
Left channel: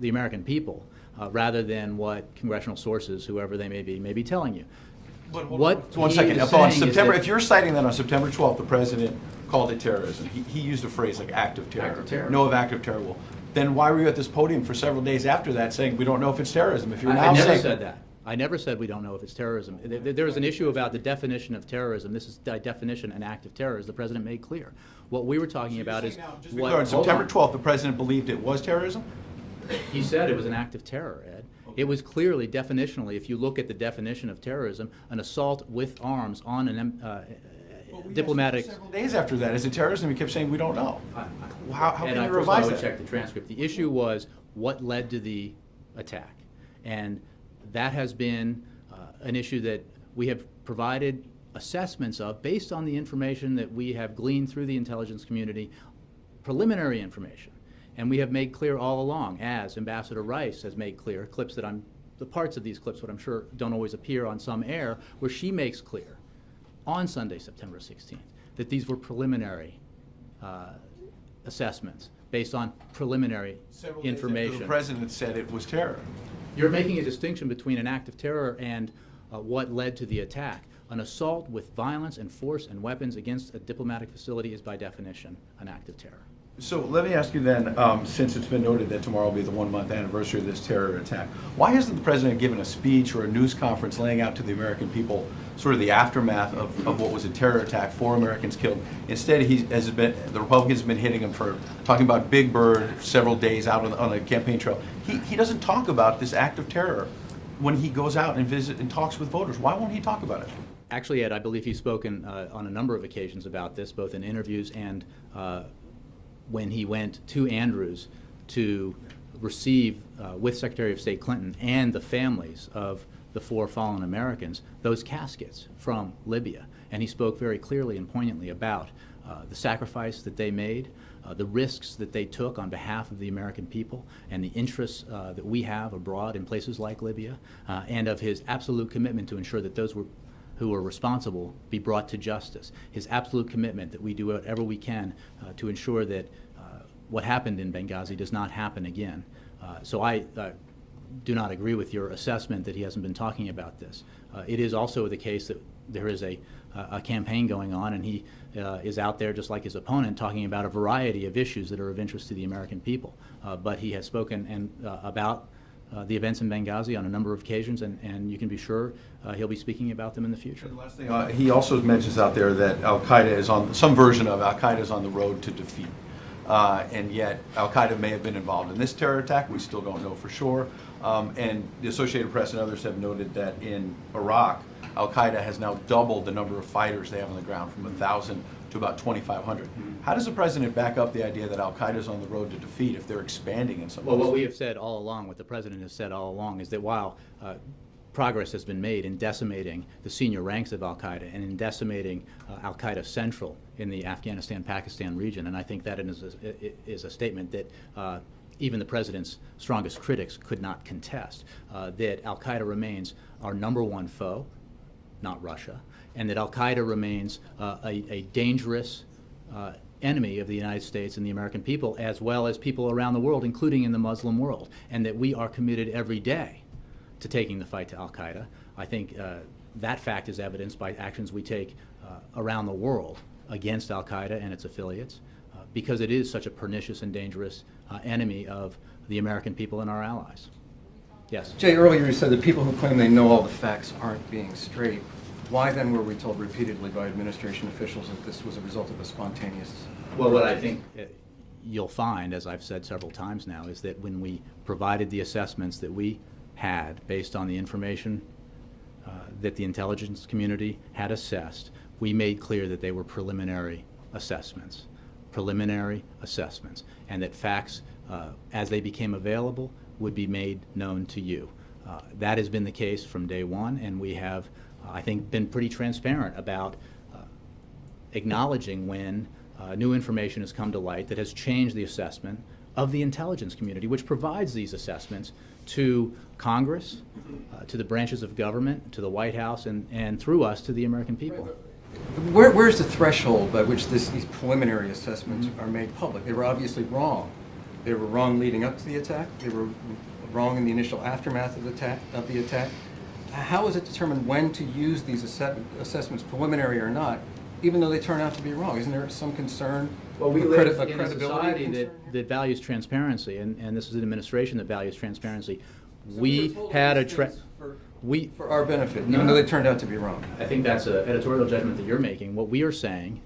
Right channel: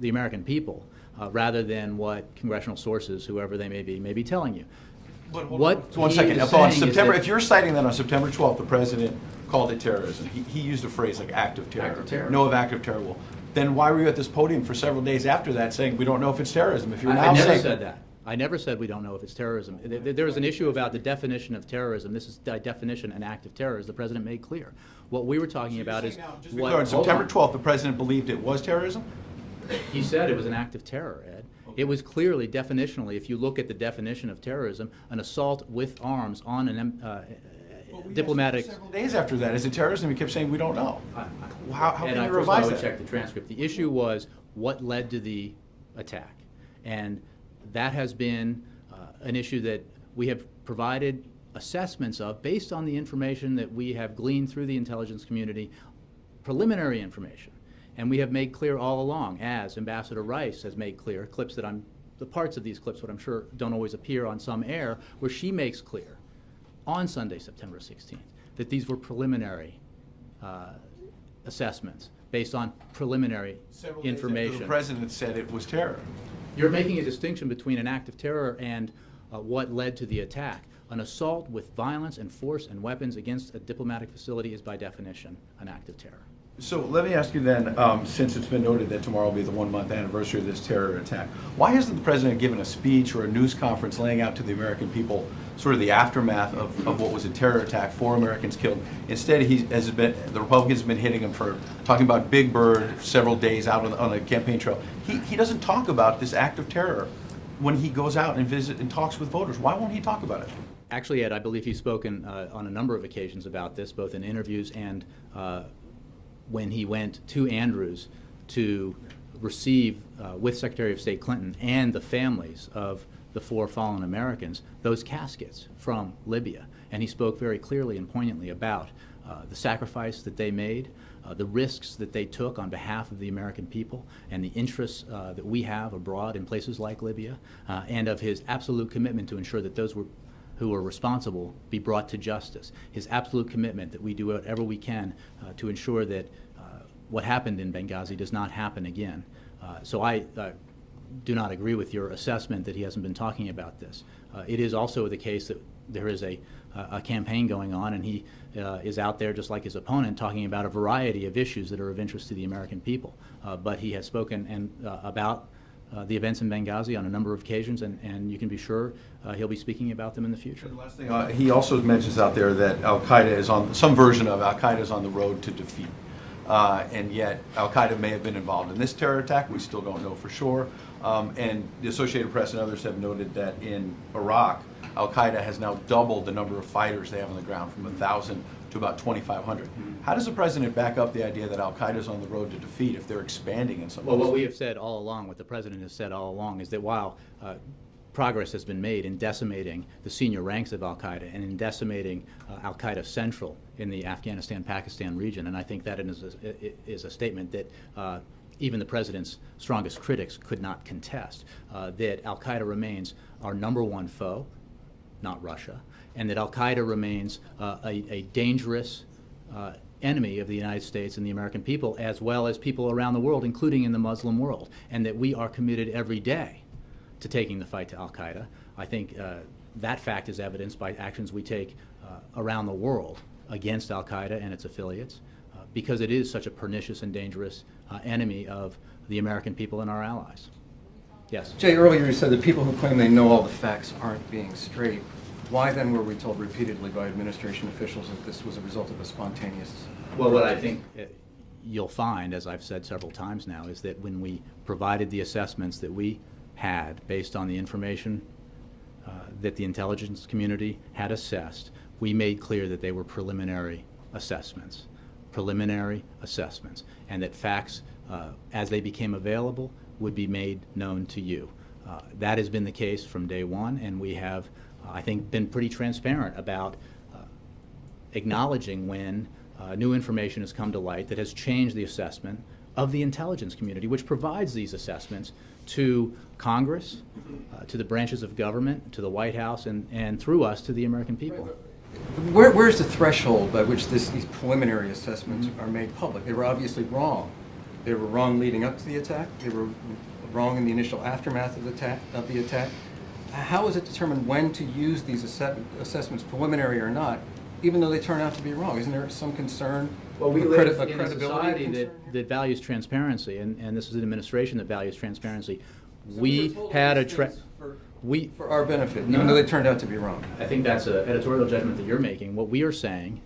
the American people, rather than what congressional sources, whoever they may be telling you. One second. If you're citing that on September 12th, the president called it terrorism. He used a phrase like act of terror. Act of terror. No of act of terror. Well, then why were you at this podium for several days after that saying we don't know if it's terrorism? If you're I now never saying said that. I never said we don't know if it's terrorism. There was an issue about the definition of terrorism. This is the definition, an act of terror, as the president made clear. What we were talking about is what. On September 12th, the president believed it was terrorism? He said it was an act of terror, Ed. It was clearly, definitionally, if you look at the definition of terrorism, an assault with arms on diplomatic. Several days after that, is it terrorism? He kept saying, we don't know. How And can I you first of all revise would that? check the transcript. The issue was what led to the attack, and that has been an issue that we have provided assessments of based on the information that we have gleaned through the intelligence community, preliminary information, and we have made clear all along, as Ambassador Rice has made clear, the parts of these clips, what I'm sure don't always appear on some air, where she makes clear on Sunday, September 16th, that these were preliminary assessments based on preliminary Several days after information. the president said it was terror. You're making a distinction between an act of terror and what led to the attack. An assault with violence and force and weapons against a diplomatic facility is by definition an act of terror. So let me ask you then, since it's been noted that tomorrow will be the 1-month anniversary of this terror attack, why hasn't the president given a speech or a news conference laying out to the American people sort of the aftermath of what was a terror attack, 4 Americans killed? Instead, the Republicans have been hitting him for talking about Big Bird several days out on the campaign trail. He doesn't talk about this act of terror when he goes out and visits and talks with voters. Why won't he talk about it? Actually, Ed, I believe he's spoken on a number of occasions about this, both in interviews and when he went to Andrews to receive, with Secretary of State Clinton and the families of the 4 fallen Americans, those caskets from Libya. And he spoke very clearly and poignantly about the sacrifice that they made, the risks that they took on behalf of the American people, and the interests that we have abroad in places like Libya, and of his absolute commitment to ensure that those who are responsible be brought to justice. His absolute commitment that we do whatever we can to ensure that what happened in Benghazi does not happen again. So I do not agree with your assessment that he hasn't been talking about this. It is also the case that there is a campaign going on, and he is out there, just like his opponent, talking about a variety of issues that are of interest to the American people. But he has spoken about the events in Benghazi on a number of occasions, and you can be sure he'll be speaking about them in the future. The last thing, he also mentions out there that Al-Qaeda is on, some version of Al-Qaeda is on the road to defeat. And yet Al-Qaeda may have been involved in this terror attack. We still don't know for sure. And the Associated Press and others have noted that in Iraq, Al-Qaeda has now doubled the number of fighters they have on the ground from 1,000 to about 2,500. How does the president back up the idea that Al-Qaeda is on the road to defeat if they're expanding in some Well, ways? what we have said all along, what the president has said all along, is that while progress has been made in decimating the senior ranks of Al-Qaeda and in decimating Al-Qaeda Central in the Afghanistan-Pakistan region, and I think that is a statement that even the president's strongest critics could not contest, that Al-Qaeda remains our #1 foe, not Russia, and that Al-Qaeda remains a dangerous enemy of the United States and the American people, as well as people around the world, including in the Muslim world, and that we are committed every day to taking the fight to Al-Qaeda. I think that fact is evidenced by actions we take around the world against Al-Qaeda and its affiliates, because it is such a pernicious and dangerous enemy of the American people and our allies. Yes? Jay, earlier you said that people who claim they know all the facts aren't being straight. Why then were we told repeatedly by administration officials that this was a result of a spontaneous... Well, what I think you'll find, as I've said several times now, is that when we provided the assessments that we had based on the information that the intelligence community had assessed, we made clear that they were preliminary assessments, and that facts, as they became available, would be made known to you. That has been the case from day one, and we have, I think, been pretty transparent about acknowledging when new information has come to light that has changed the assessment of the intelligence community, which provides these assessments to Congress, to the branches of government, to the White House, and through us to the American people. Where's the threshold by which these preliminary assessments are made public? They were obviously wrong. They were wrong leading up to the attack. They were wrong in the initial aftermath of the attack. How is it determined when to use these assessments, preliminary or not, even though they turn out to be wrong? Isn't there some concern? Well, we a live in a credibility society concern? that values transparency, and this is an administration that values transparency. We had a For our benefit, even though they turned out to be wrong. I think that's an editorial judgment that you're making. What we are saying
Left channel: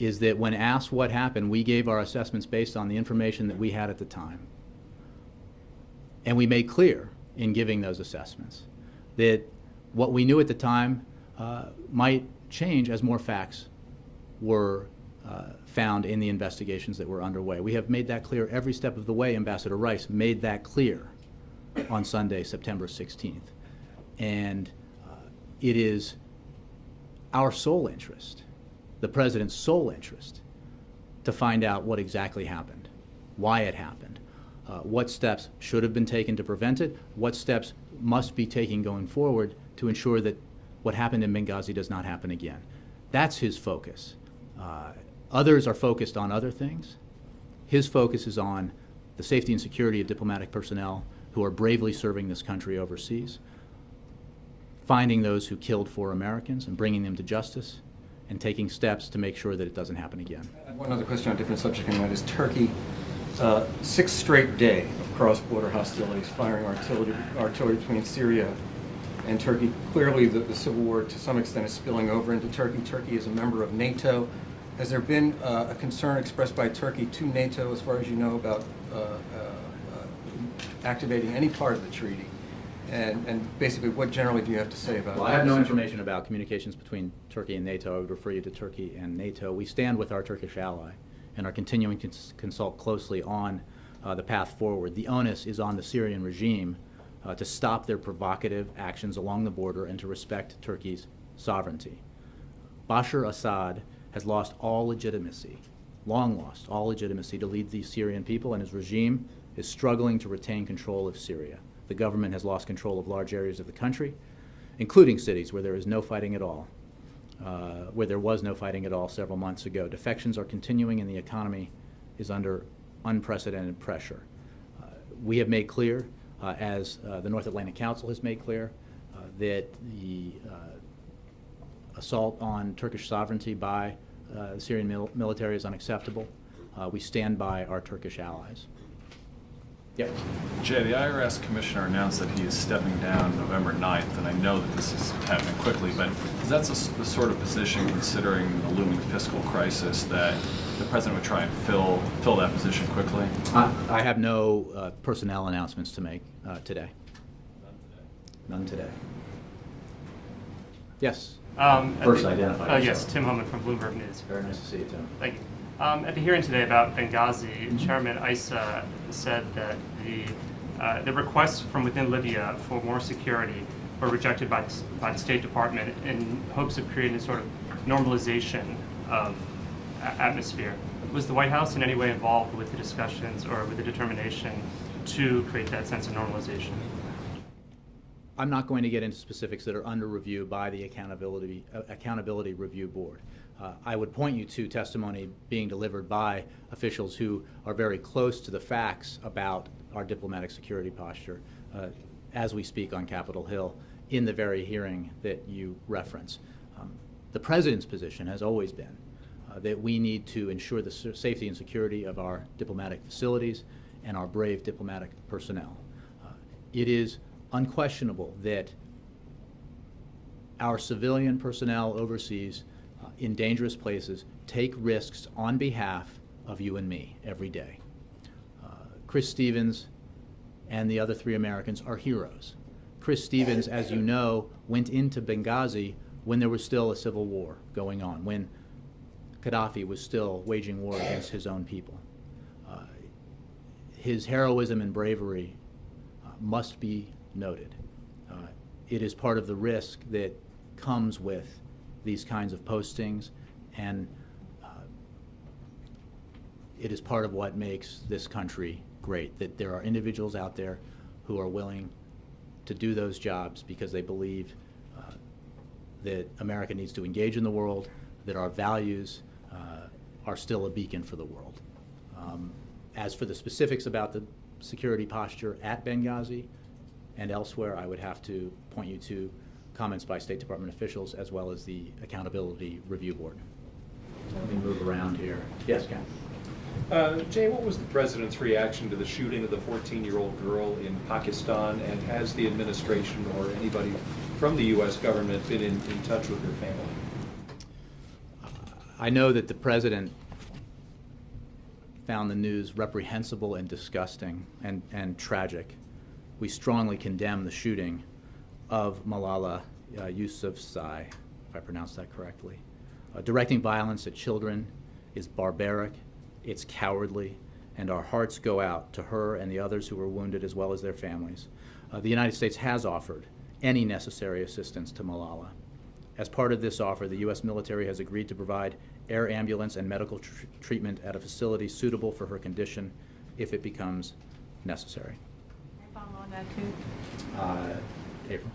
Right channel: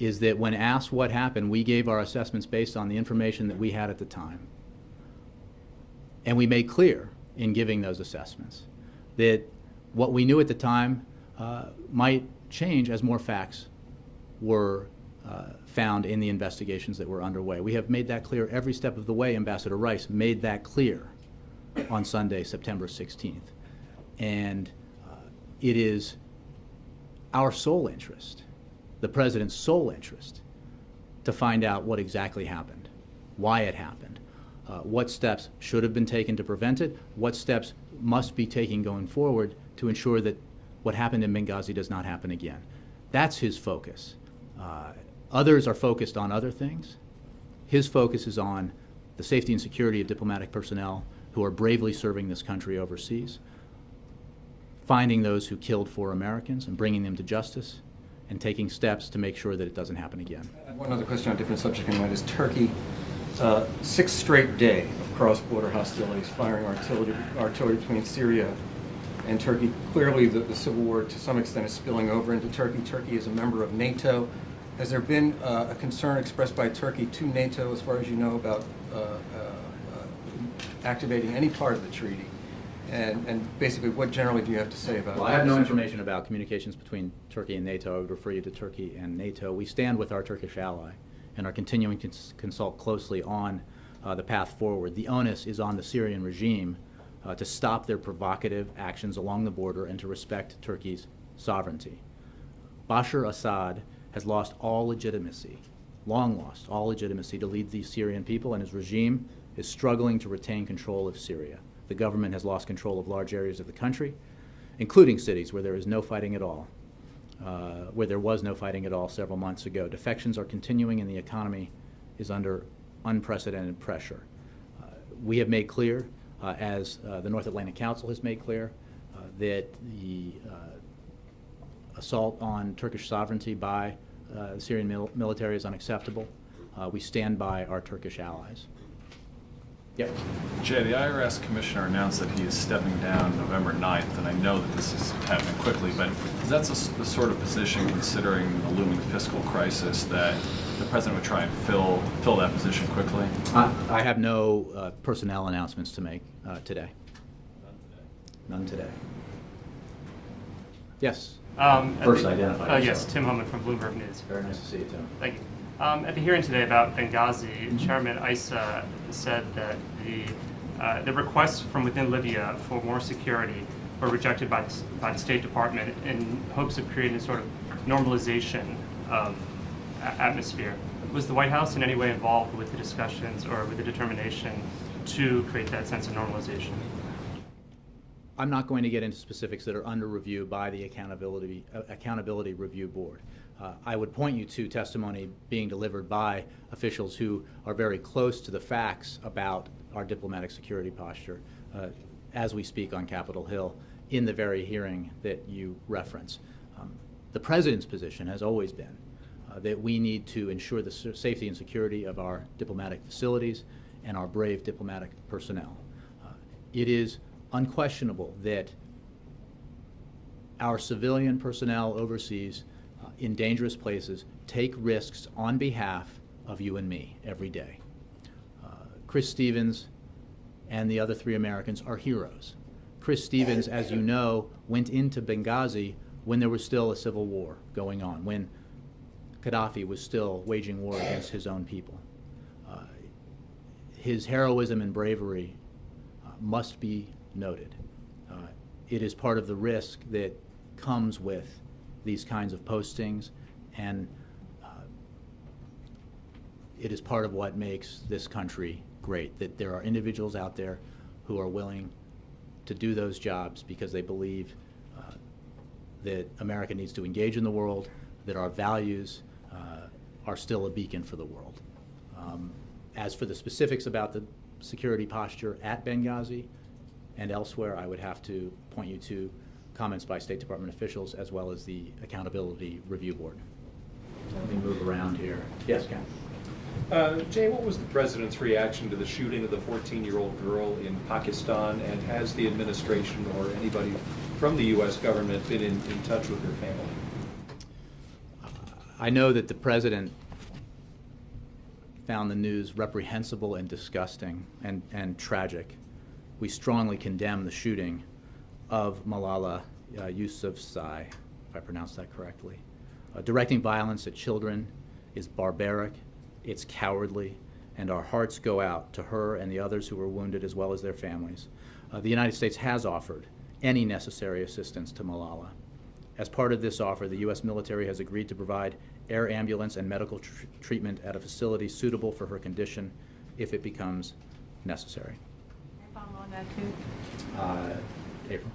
is that when asked what happened, we gave our assessments based on the information that we had at the time. And we made clear in giving those assessments that what we knew at the time might change as more facts were found in the investigations that were underway. We have made that clear every step of the way. Ambassador Rice made that clear on Sunday, September 16th. And it is our sole interest, the president's sole interest, to find out what exactly happened, why it happened, what steps should have been taken to prevent it, what steps must be taken going forward to ensure that what happened in Benghazi does not happen again. That's his focus. Others are focused on other things. His focus is on the safety and security of diplomatic personnel who are bravely serving this country overseas, finding those who killed 4 Americans and bringing them to justice, and taking steps to make sure that it doesn't happen again. One other question on a different subject, and that is Turkey. 6th straight day of cross-border hostilities, firing artillery between Syria and Turkey. Clearly, the civil war, to some extent, is spilling over into Turkey. Turkey is a member of NATO. Has there been a concern expressed by Turkey to NATO, as far as you know, about activating any part of the treaty? And basically, what generally do you have to say about it? Well, I have no information about communications between Turkey and NATO. I would refer you to Turkey and NATO. We stand with our Turkish ally and are continuing to consult closely on the path forward. The onus is on the Syrian regime to stop their provocative actions along the border and to respect Turkey's sovereignty. Bashar Assad has lost all legitimacy, long lost all legitimacy to lead the Syrian people, and his regime is struggling to retain control of Syria. The government has lost control of large areas of the country, including cities where there is no fighting at all, where there was no fighting at all several months ago. Defections are continuing and the economy is under unprecedented pressure. We have made clear, as the North Atlantic Council has made clear, that the assault on Turkish sovereignty by the Syrian military is unacceptable. We stand by our Turkish allies. Yeah. Jay, the IRS commissioner announced that he is stepping down November 9th, and I know that this is happening quickly, but is that the sort of position, considering the looming fiscal crisis, that the president would try and fill that position quickly? I have no personnel announcements to make today. None today. Yes. First identify yes, Tim Homan from Bloomberg News. Very nice to see you, Tim. Thank you. At the hearing today about Benghazi, Chairman Issa said that the requests from within Libya for more security were rejected by the State Department in hopes of creating a sort of normalization of atmosphere. Was the White House in any way involved with the discussions or with the determination to create that sense of normalization? I'm not going to get into specifics that are under review by the Accountability Review Board. I would point you to testimony being delivered by officials who are very close to the facts about our diplomatic security posture as we speak on Capitol Hill in the very hearing that you reference. The President's position has always been that we need to ensure the safety and security of our diplomatic facilities and our brave diplomatic personnel. It is unquestionable that our civilian personnel overseas in dangerous places take risks on behalf of you and me every day. Chris Stevens and the other 3 Americans are heroes. Chris Stevens, as you know, went into Benghazi when there was still a civil war going on, when Gaddafi was still waging war against his own people. His heroism and bravery must be noted. It is part of the risk that comes with these kinds of postings, and it is part of what makes this country great, that there are individuals out there who are willing to do those jobs because they believe that America needs to engage in the world, that our values are still a beacon for the world. As for the specifics about the security posture at Benghazi and elsewhere, I would have to point you to comments by State Department officials as well as the Accountability Review Board. Let me move around here. Yes, Ken. Jay, what was the president's reaction to the shooting of the 14-year-old girl in Pakistan, and has the administration or anybody from the U.S. government been in touch with her family? I know that the president found the news reprehensible and disgusting and tragic. We strongly condemn the shooting of Malala Yousafzai, if I pronounced that correctly. Directing violence at children is barbaric, it's cowardly, and our hearts go out to her and the others who were wounded as well as their families. The United States has offered any necessary assistance to Malala. As part of this offer, the U.S. military has agreed to provide air ambulance and medical treatment at a facility suitable for her condition if it becomes necessary. On that too. April.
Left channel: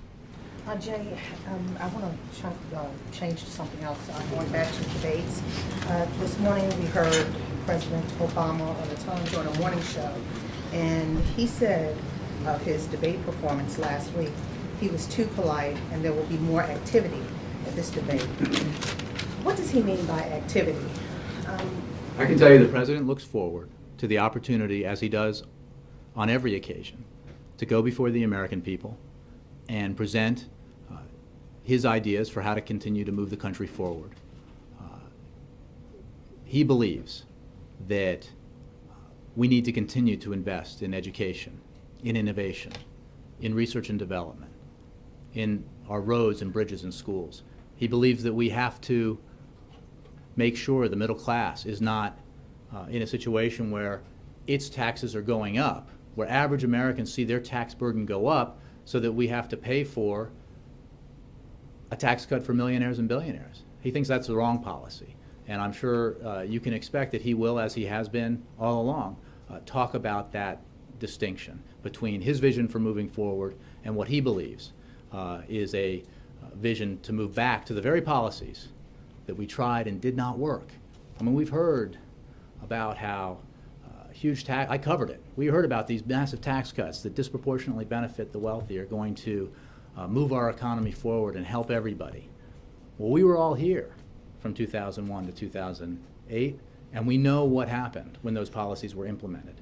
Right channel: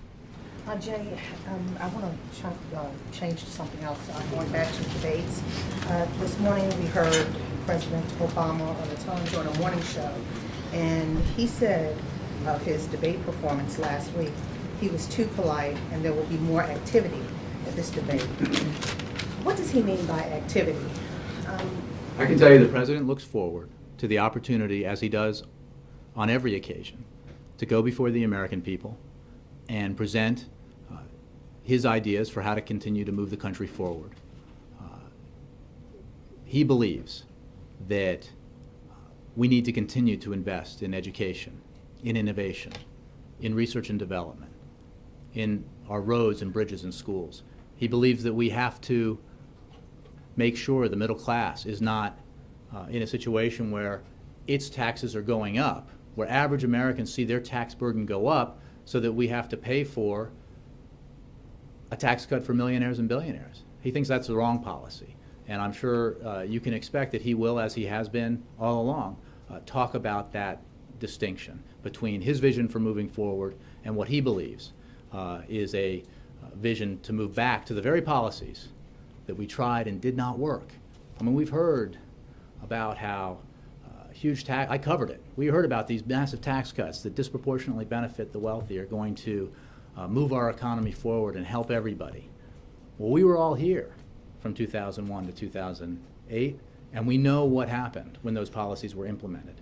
Jay, I want to try to change to something else. Going back to debates. This morning we heard President Obama on the Tom Jordan Morning Show, and he said of his debate performance last week, he was too polite and there will be more activity at this debate. What does he mean by activity? I can tell you the President looks forward to the opportunity, as he does on every occasion, to go before the American people and present his ideas for how to continue to move the country forward. He believes that we need to continue to invest in education, in innovation, in research and development, in our roads and bridges and schools. He believes that we have to make sure the middle class is not in a situation where its taxes are going up, where average Americans see their tax burden go up, so that we have to pay for a tax cut for millionaires and billionaires. He thinks that's the wrong policy. And I'm sure you can expect that he will, as he has been all along, talk about that distinction between his vision for moving forward and what he believes is a vision to move back to the very policies that we tried and did not work. I mean, we've heard about how huge tax, I covered it. We heard about these massive tax cuts that disproportionately benefit the wealthy are going to move our economy forward and help everybody. Well, we were all here from 2001 to 2008, and we know what happened when those policies were implemented.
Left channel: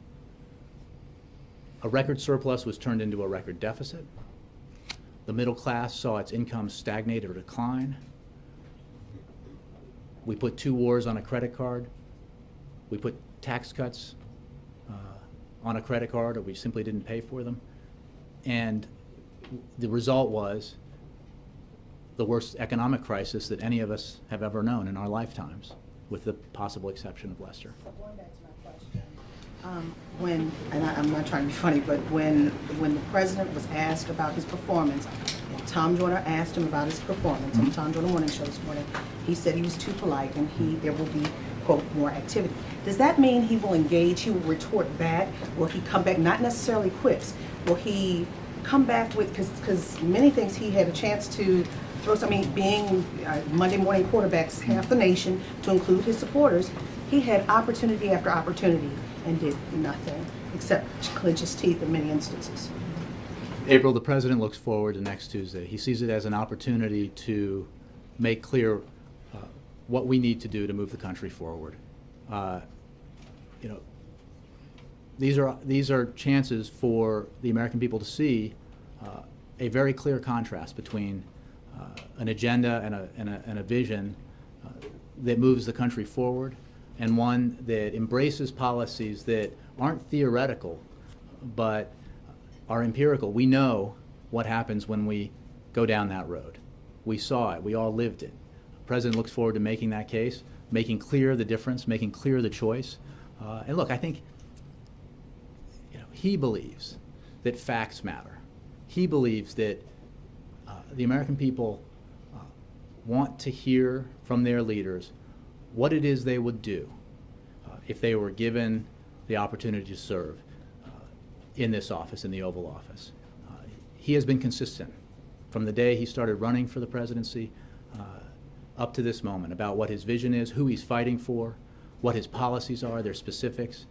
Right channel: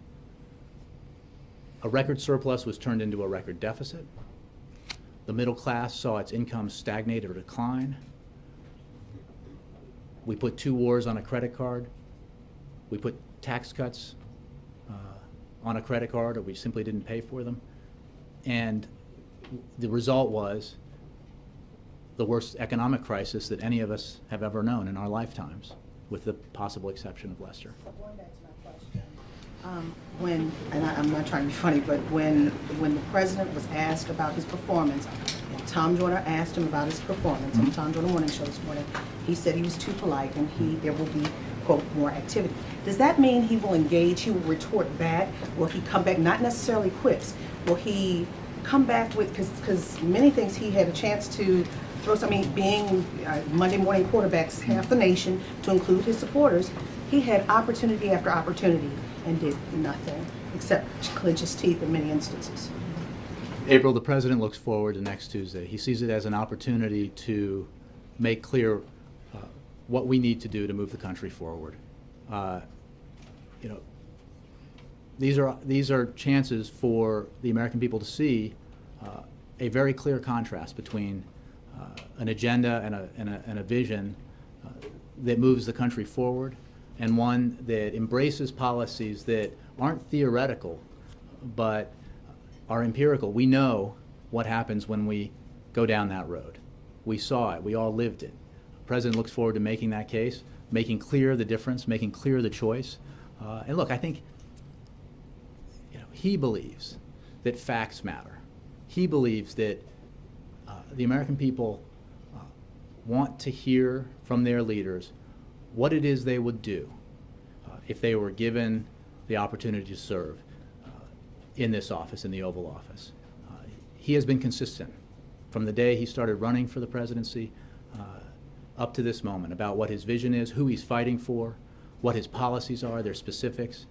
A record surplus was turned into a record deficit. The middle class saw its income stagnate or decline. We put 2 wars on a credit card. We put tax cuts on a credit card, or we simply didn't pay for them. And the result was the worst economic crisis that any of us have ever known in our lifetimes, with the possible exception of Lester. Going back to my question, I'm not trying to be funny, but when the president was asked about his performance, and Tom Jordan asked him about his performance on the Tom Jordan Morning Show this morning, he said he was too polite and there will be, quote, more activity. Does that mean he will engage, he will retort back, or he come back, not necessarily quips, will he come back with, because many things he had a chance to throw something, being Monday morning quarterbacks half the nation, to include his supporters, he had opportunity after opportunity and did nothing except clench his teeth in many instances. April, the president looks forward to next Tuesday. He sees it as an opportunity to make clear what we need to do to move the country forward. You know, these are chances for the American people to see a very clear contrast between an agenda and a vision that moves the country forward, and one that embraces policies that aren't theoretical but are empirical. We know what happens when we go down that road. We saw it. We all lived it. The president looks forward to making that case, making clear the difference, making clear the choice. And look, I think he believes that facts matter. He believes that the American people want to hear from their leaders what it is they would do if they were given the opportunity to serve in this office, in the Oval Office. He has been consistent from the day he started running for the presidency up to this moment about what his vision is, who he's fighting for, what his policies are, their specifics,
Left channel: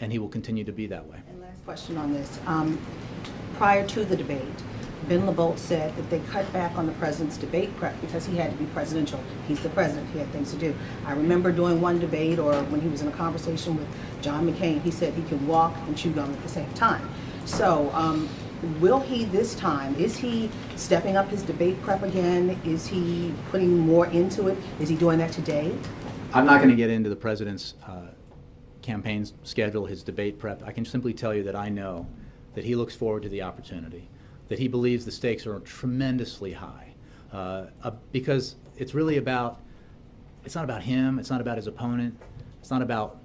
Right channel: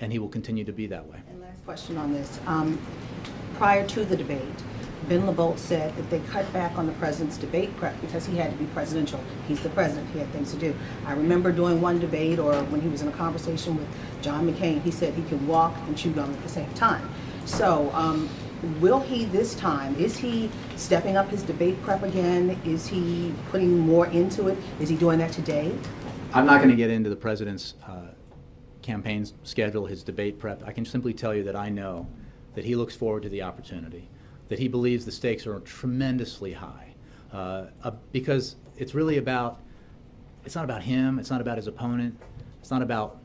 and he will continue to be that way. And last question on this. Prior to the debate, Ben LeBolt said that they cut back on the president's debate prep because he had to be presidential. He's the president. He had things to do. I remember doing one debate, or when he was in a conversation with John McCain, he said he could walk and chew gum at the same time. So will he this time, is he stepping up his debate prep again? Is he putting more into it? Is he doing that today? I'm not going to get into the president's campaign schedule, his debate prep. I can simply tell you that I know that he looks forward to the opportunity, that he believes the stakes are tremendously high, because it's really about it's not about him, it's not about his opponent, it's not about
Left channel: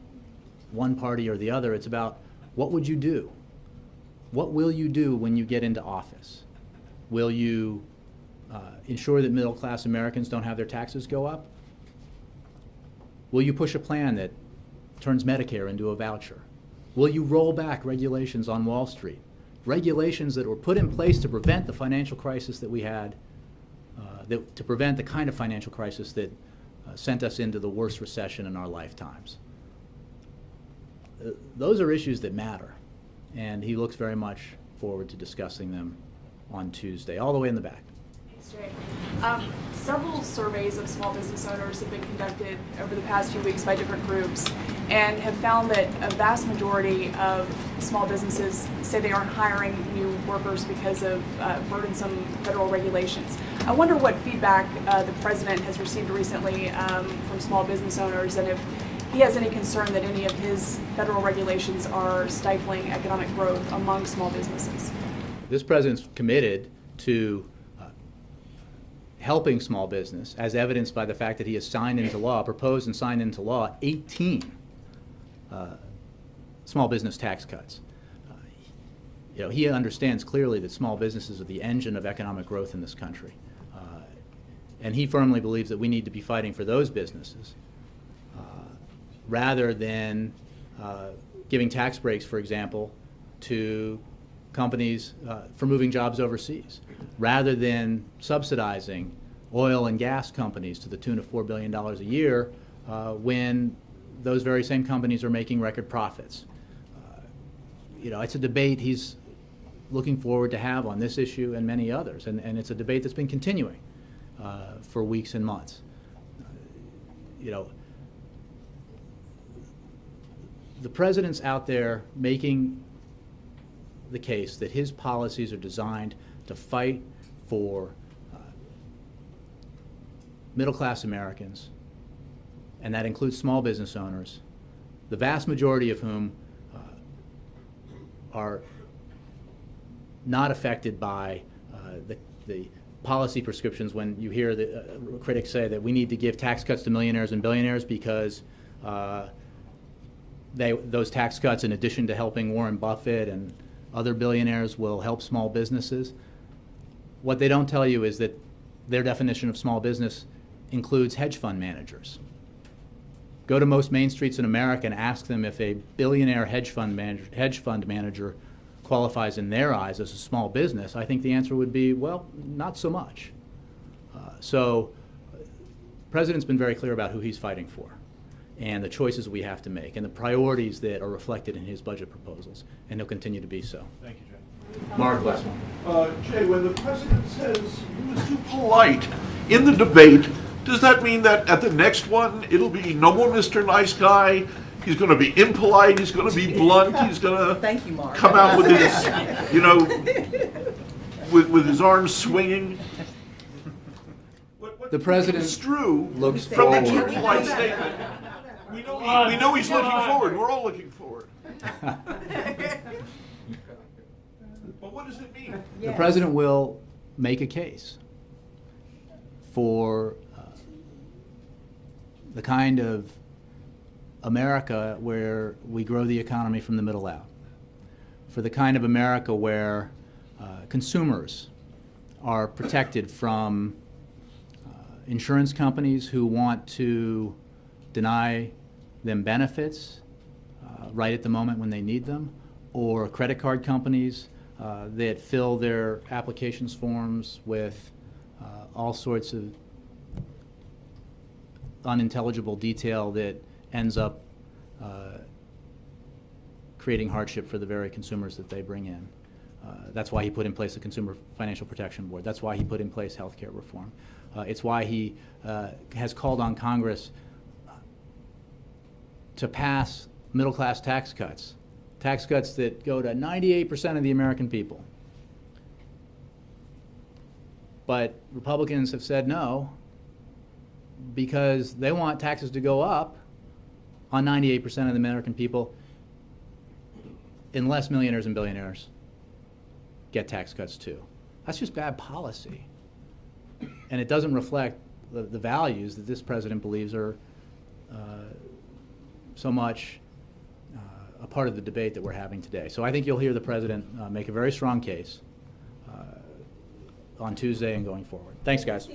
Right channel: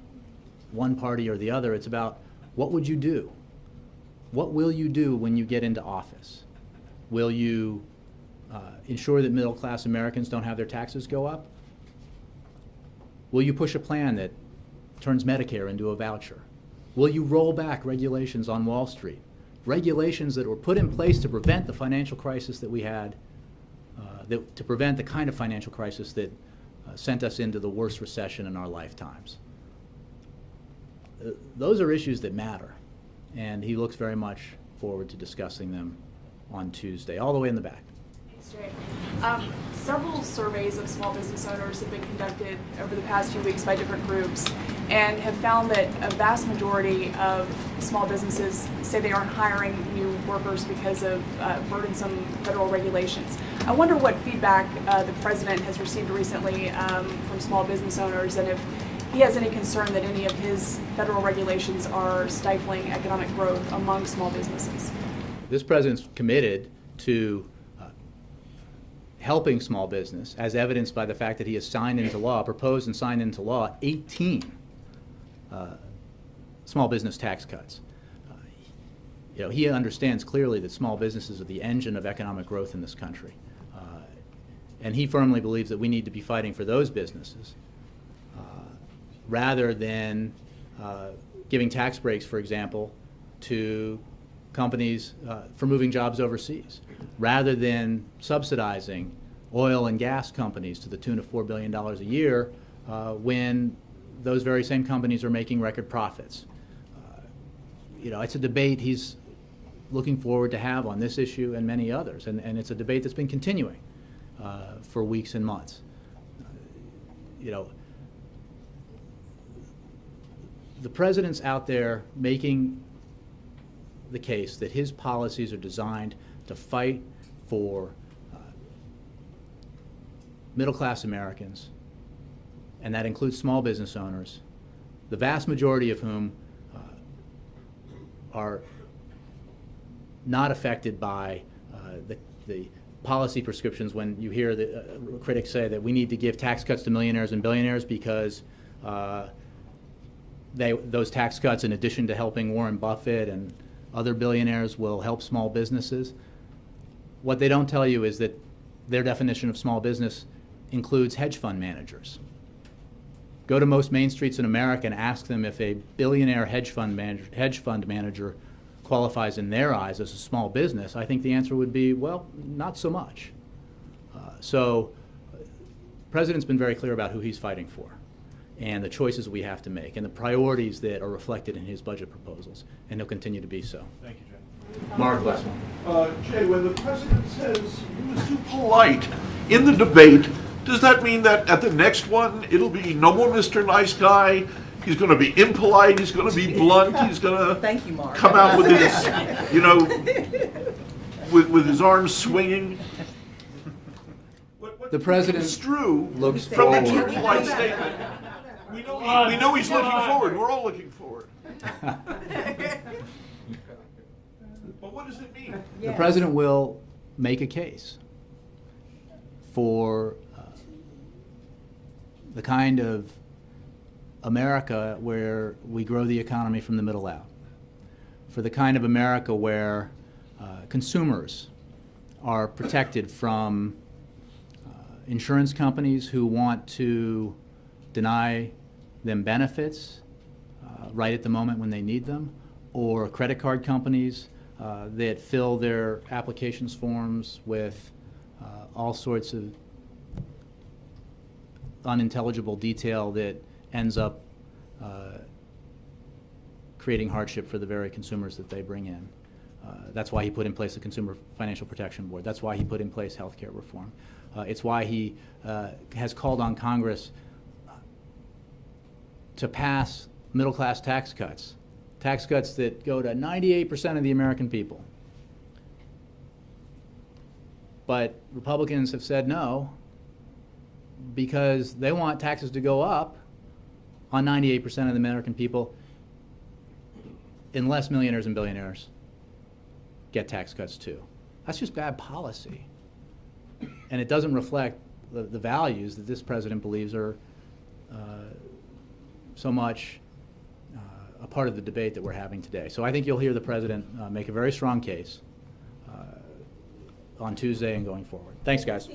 one party or the other, it's about what would you do? What will you do when you get into office? Will you ensure that middle-class Americans don't have their taxes go up? Will you push a plan that turns Medicare into a voucher? Will you roll back regulations on Wall Street? Regulations that were put in place to prevent the financial crisis that we had, to prevent the kind of financial crisis that sent us into the worst recession in our lifetimes. Those are issues that matter, and he looks very much forward to discussing them on Tuesday, all the way in the back. Several surveys of small business owners have been conducted over the past few weeks by different groups and have found that a vast majority of small businesses say they aren't hiring new workers because of burdensome federal regulations. I wonder what feedback the president has received recently from small business owners, and if he has any concern that any of his federal regulations are stifling economic growth among small businesses. This president's committed to helping small business, as evidenced by the fact that he has signed into law, proposed and signed into law, 18 small business tax cuts. He understands clearly that small businesses are the engine of economic growth in this country. And he firmly believes that we need to be fighting for those businesses rather than giving tax breaks, for example, to companies for moving jobs overseas, rather than subsidizing oil and gas companies to the tune of $4 billion a year when those very same companies are making record profits. It's a debate he's looking forward to have on this issue and many others, and it's a debate that's been continuing for weeks and months. The president's out there making the case that his policies are designed to fight for middle-class Americans, and that includes small business owners, the vast majority of whom are not affected by the policy prescriptions. When you hear the critics say that we need to give tax cuts to millionaires and billionaires because those tax cuts, in addition to helping Warren Buffett and other billionaires, will help small businesses. What they don't tell you is that their definition of small business includes hedge fund managers. Go to most main streets in America and ask them if a billionaire hedge fund manager qualifies in their eyes as a small business. I think the answer would be, well, not so much. So the president's been very clear about who he's fighting for and the choices we have to make and the priorities that are reflected in his budget proposals, and he'll continue to be so. Thank you, Jay. Mark, last one. Jay, when the president says he was too polite in the debate, does that mean that at the next one it'll be no more Mr. Nice Guy? He's going to be impolite. He's going to be blunt. He's going to come out with his, with his arms swinging. The president looks from the too polite statement. We know he's looking forward. We're all looking forward. But what does it mean? The president will make a case for the kind of America where we grow the economy from the middle out, for the kind of America where consumers are protected from insurance companies who want to deny them benefits right at the moment when they need them, or credit card companies that fill their applications forms with all sorts of unintelligible detail that ends up creating hardship for the very consumers that they bring in. That's why he put in place the Consumer Financial Protection Board. That's why he put in place health care reform. It's why he has called on Congress to pass middle-class tax cuts that go to 98% of the American people. But Republicans have said no because they want taxes to go up on 98% of the American people unless millionaires and billionaires get tax cuts too. That's just bad policy. And it doesn't reflect the values that this president believes are so much a part of the debate that we're having today. So I think you'll hear the president make a very strong case on Tuesday and going forward. Thanks, guys.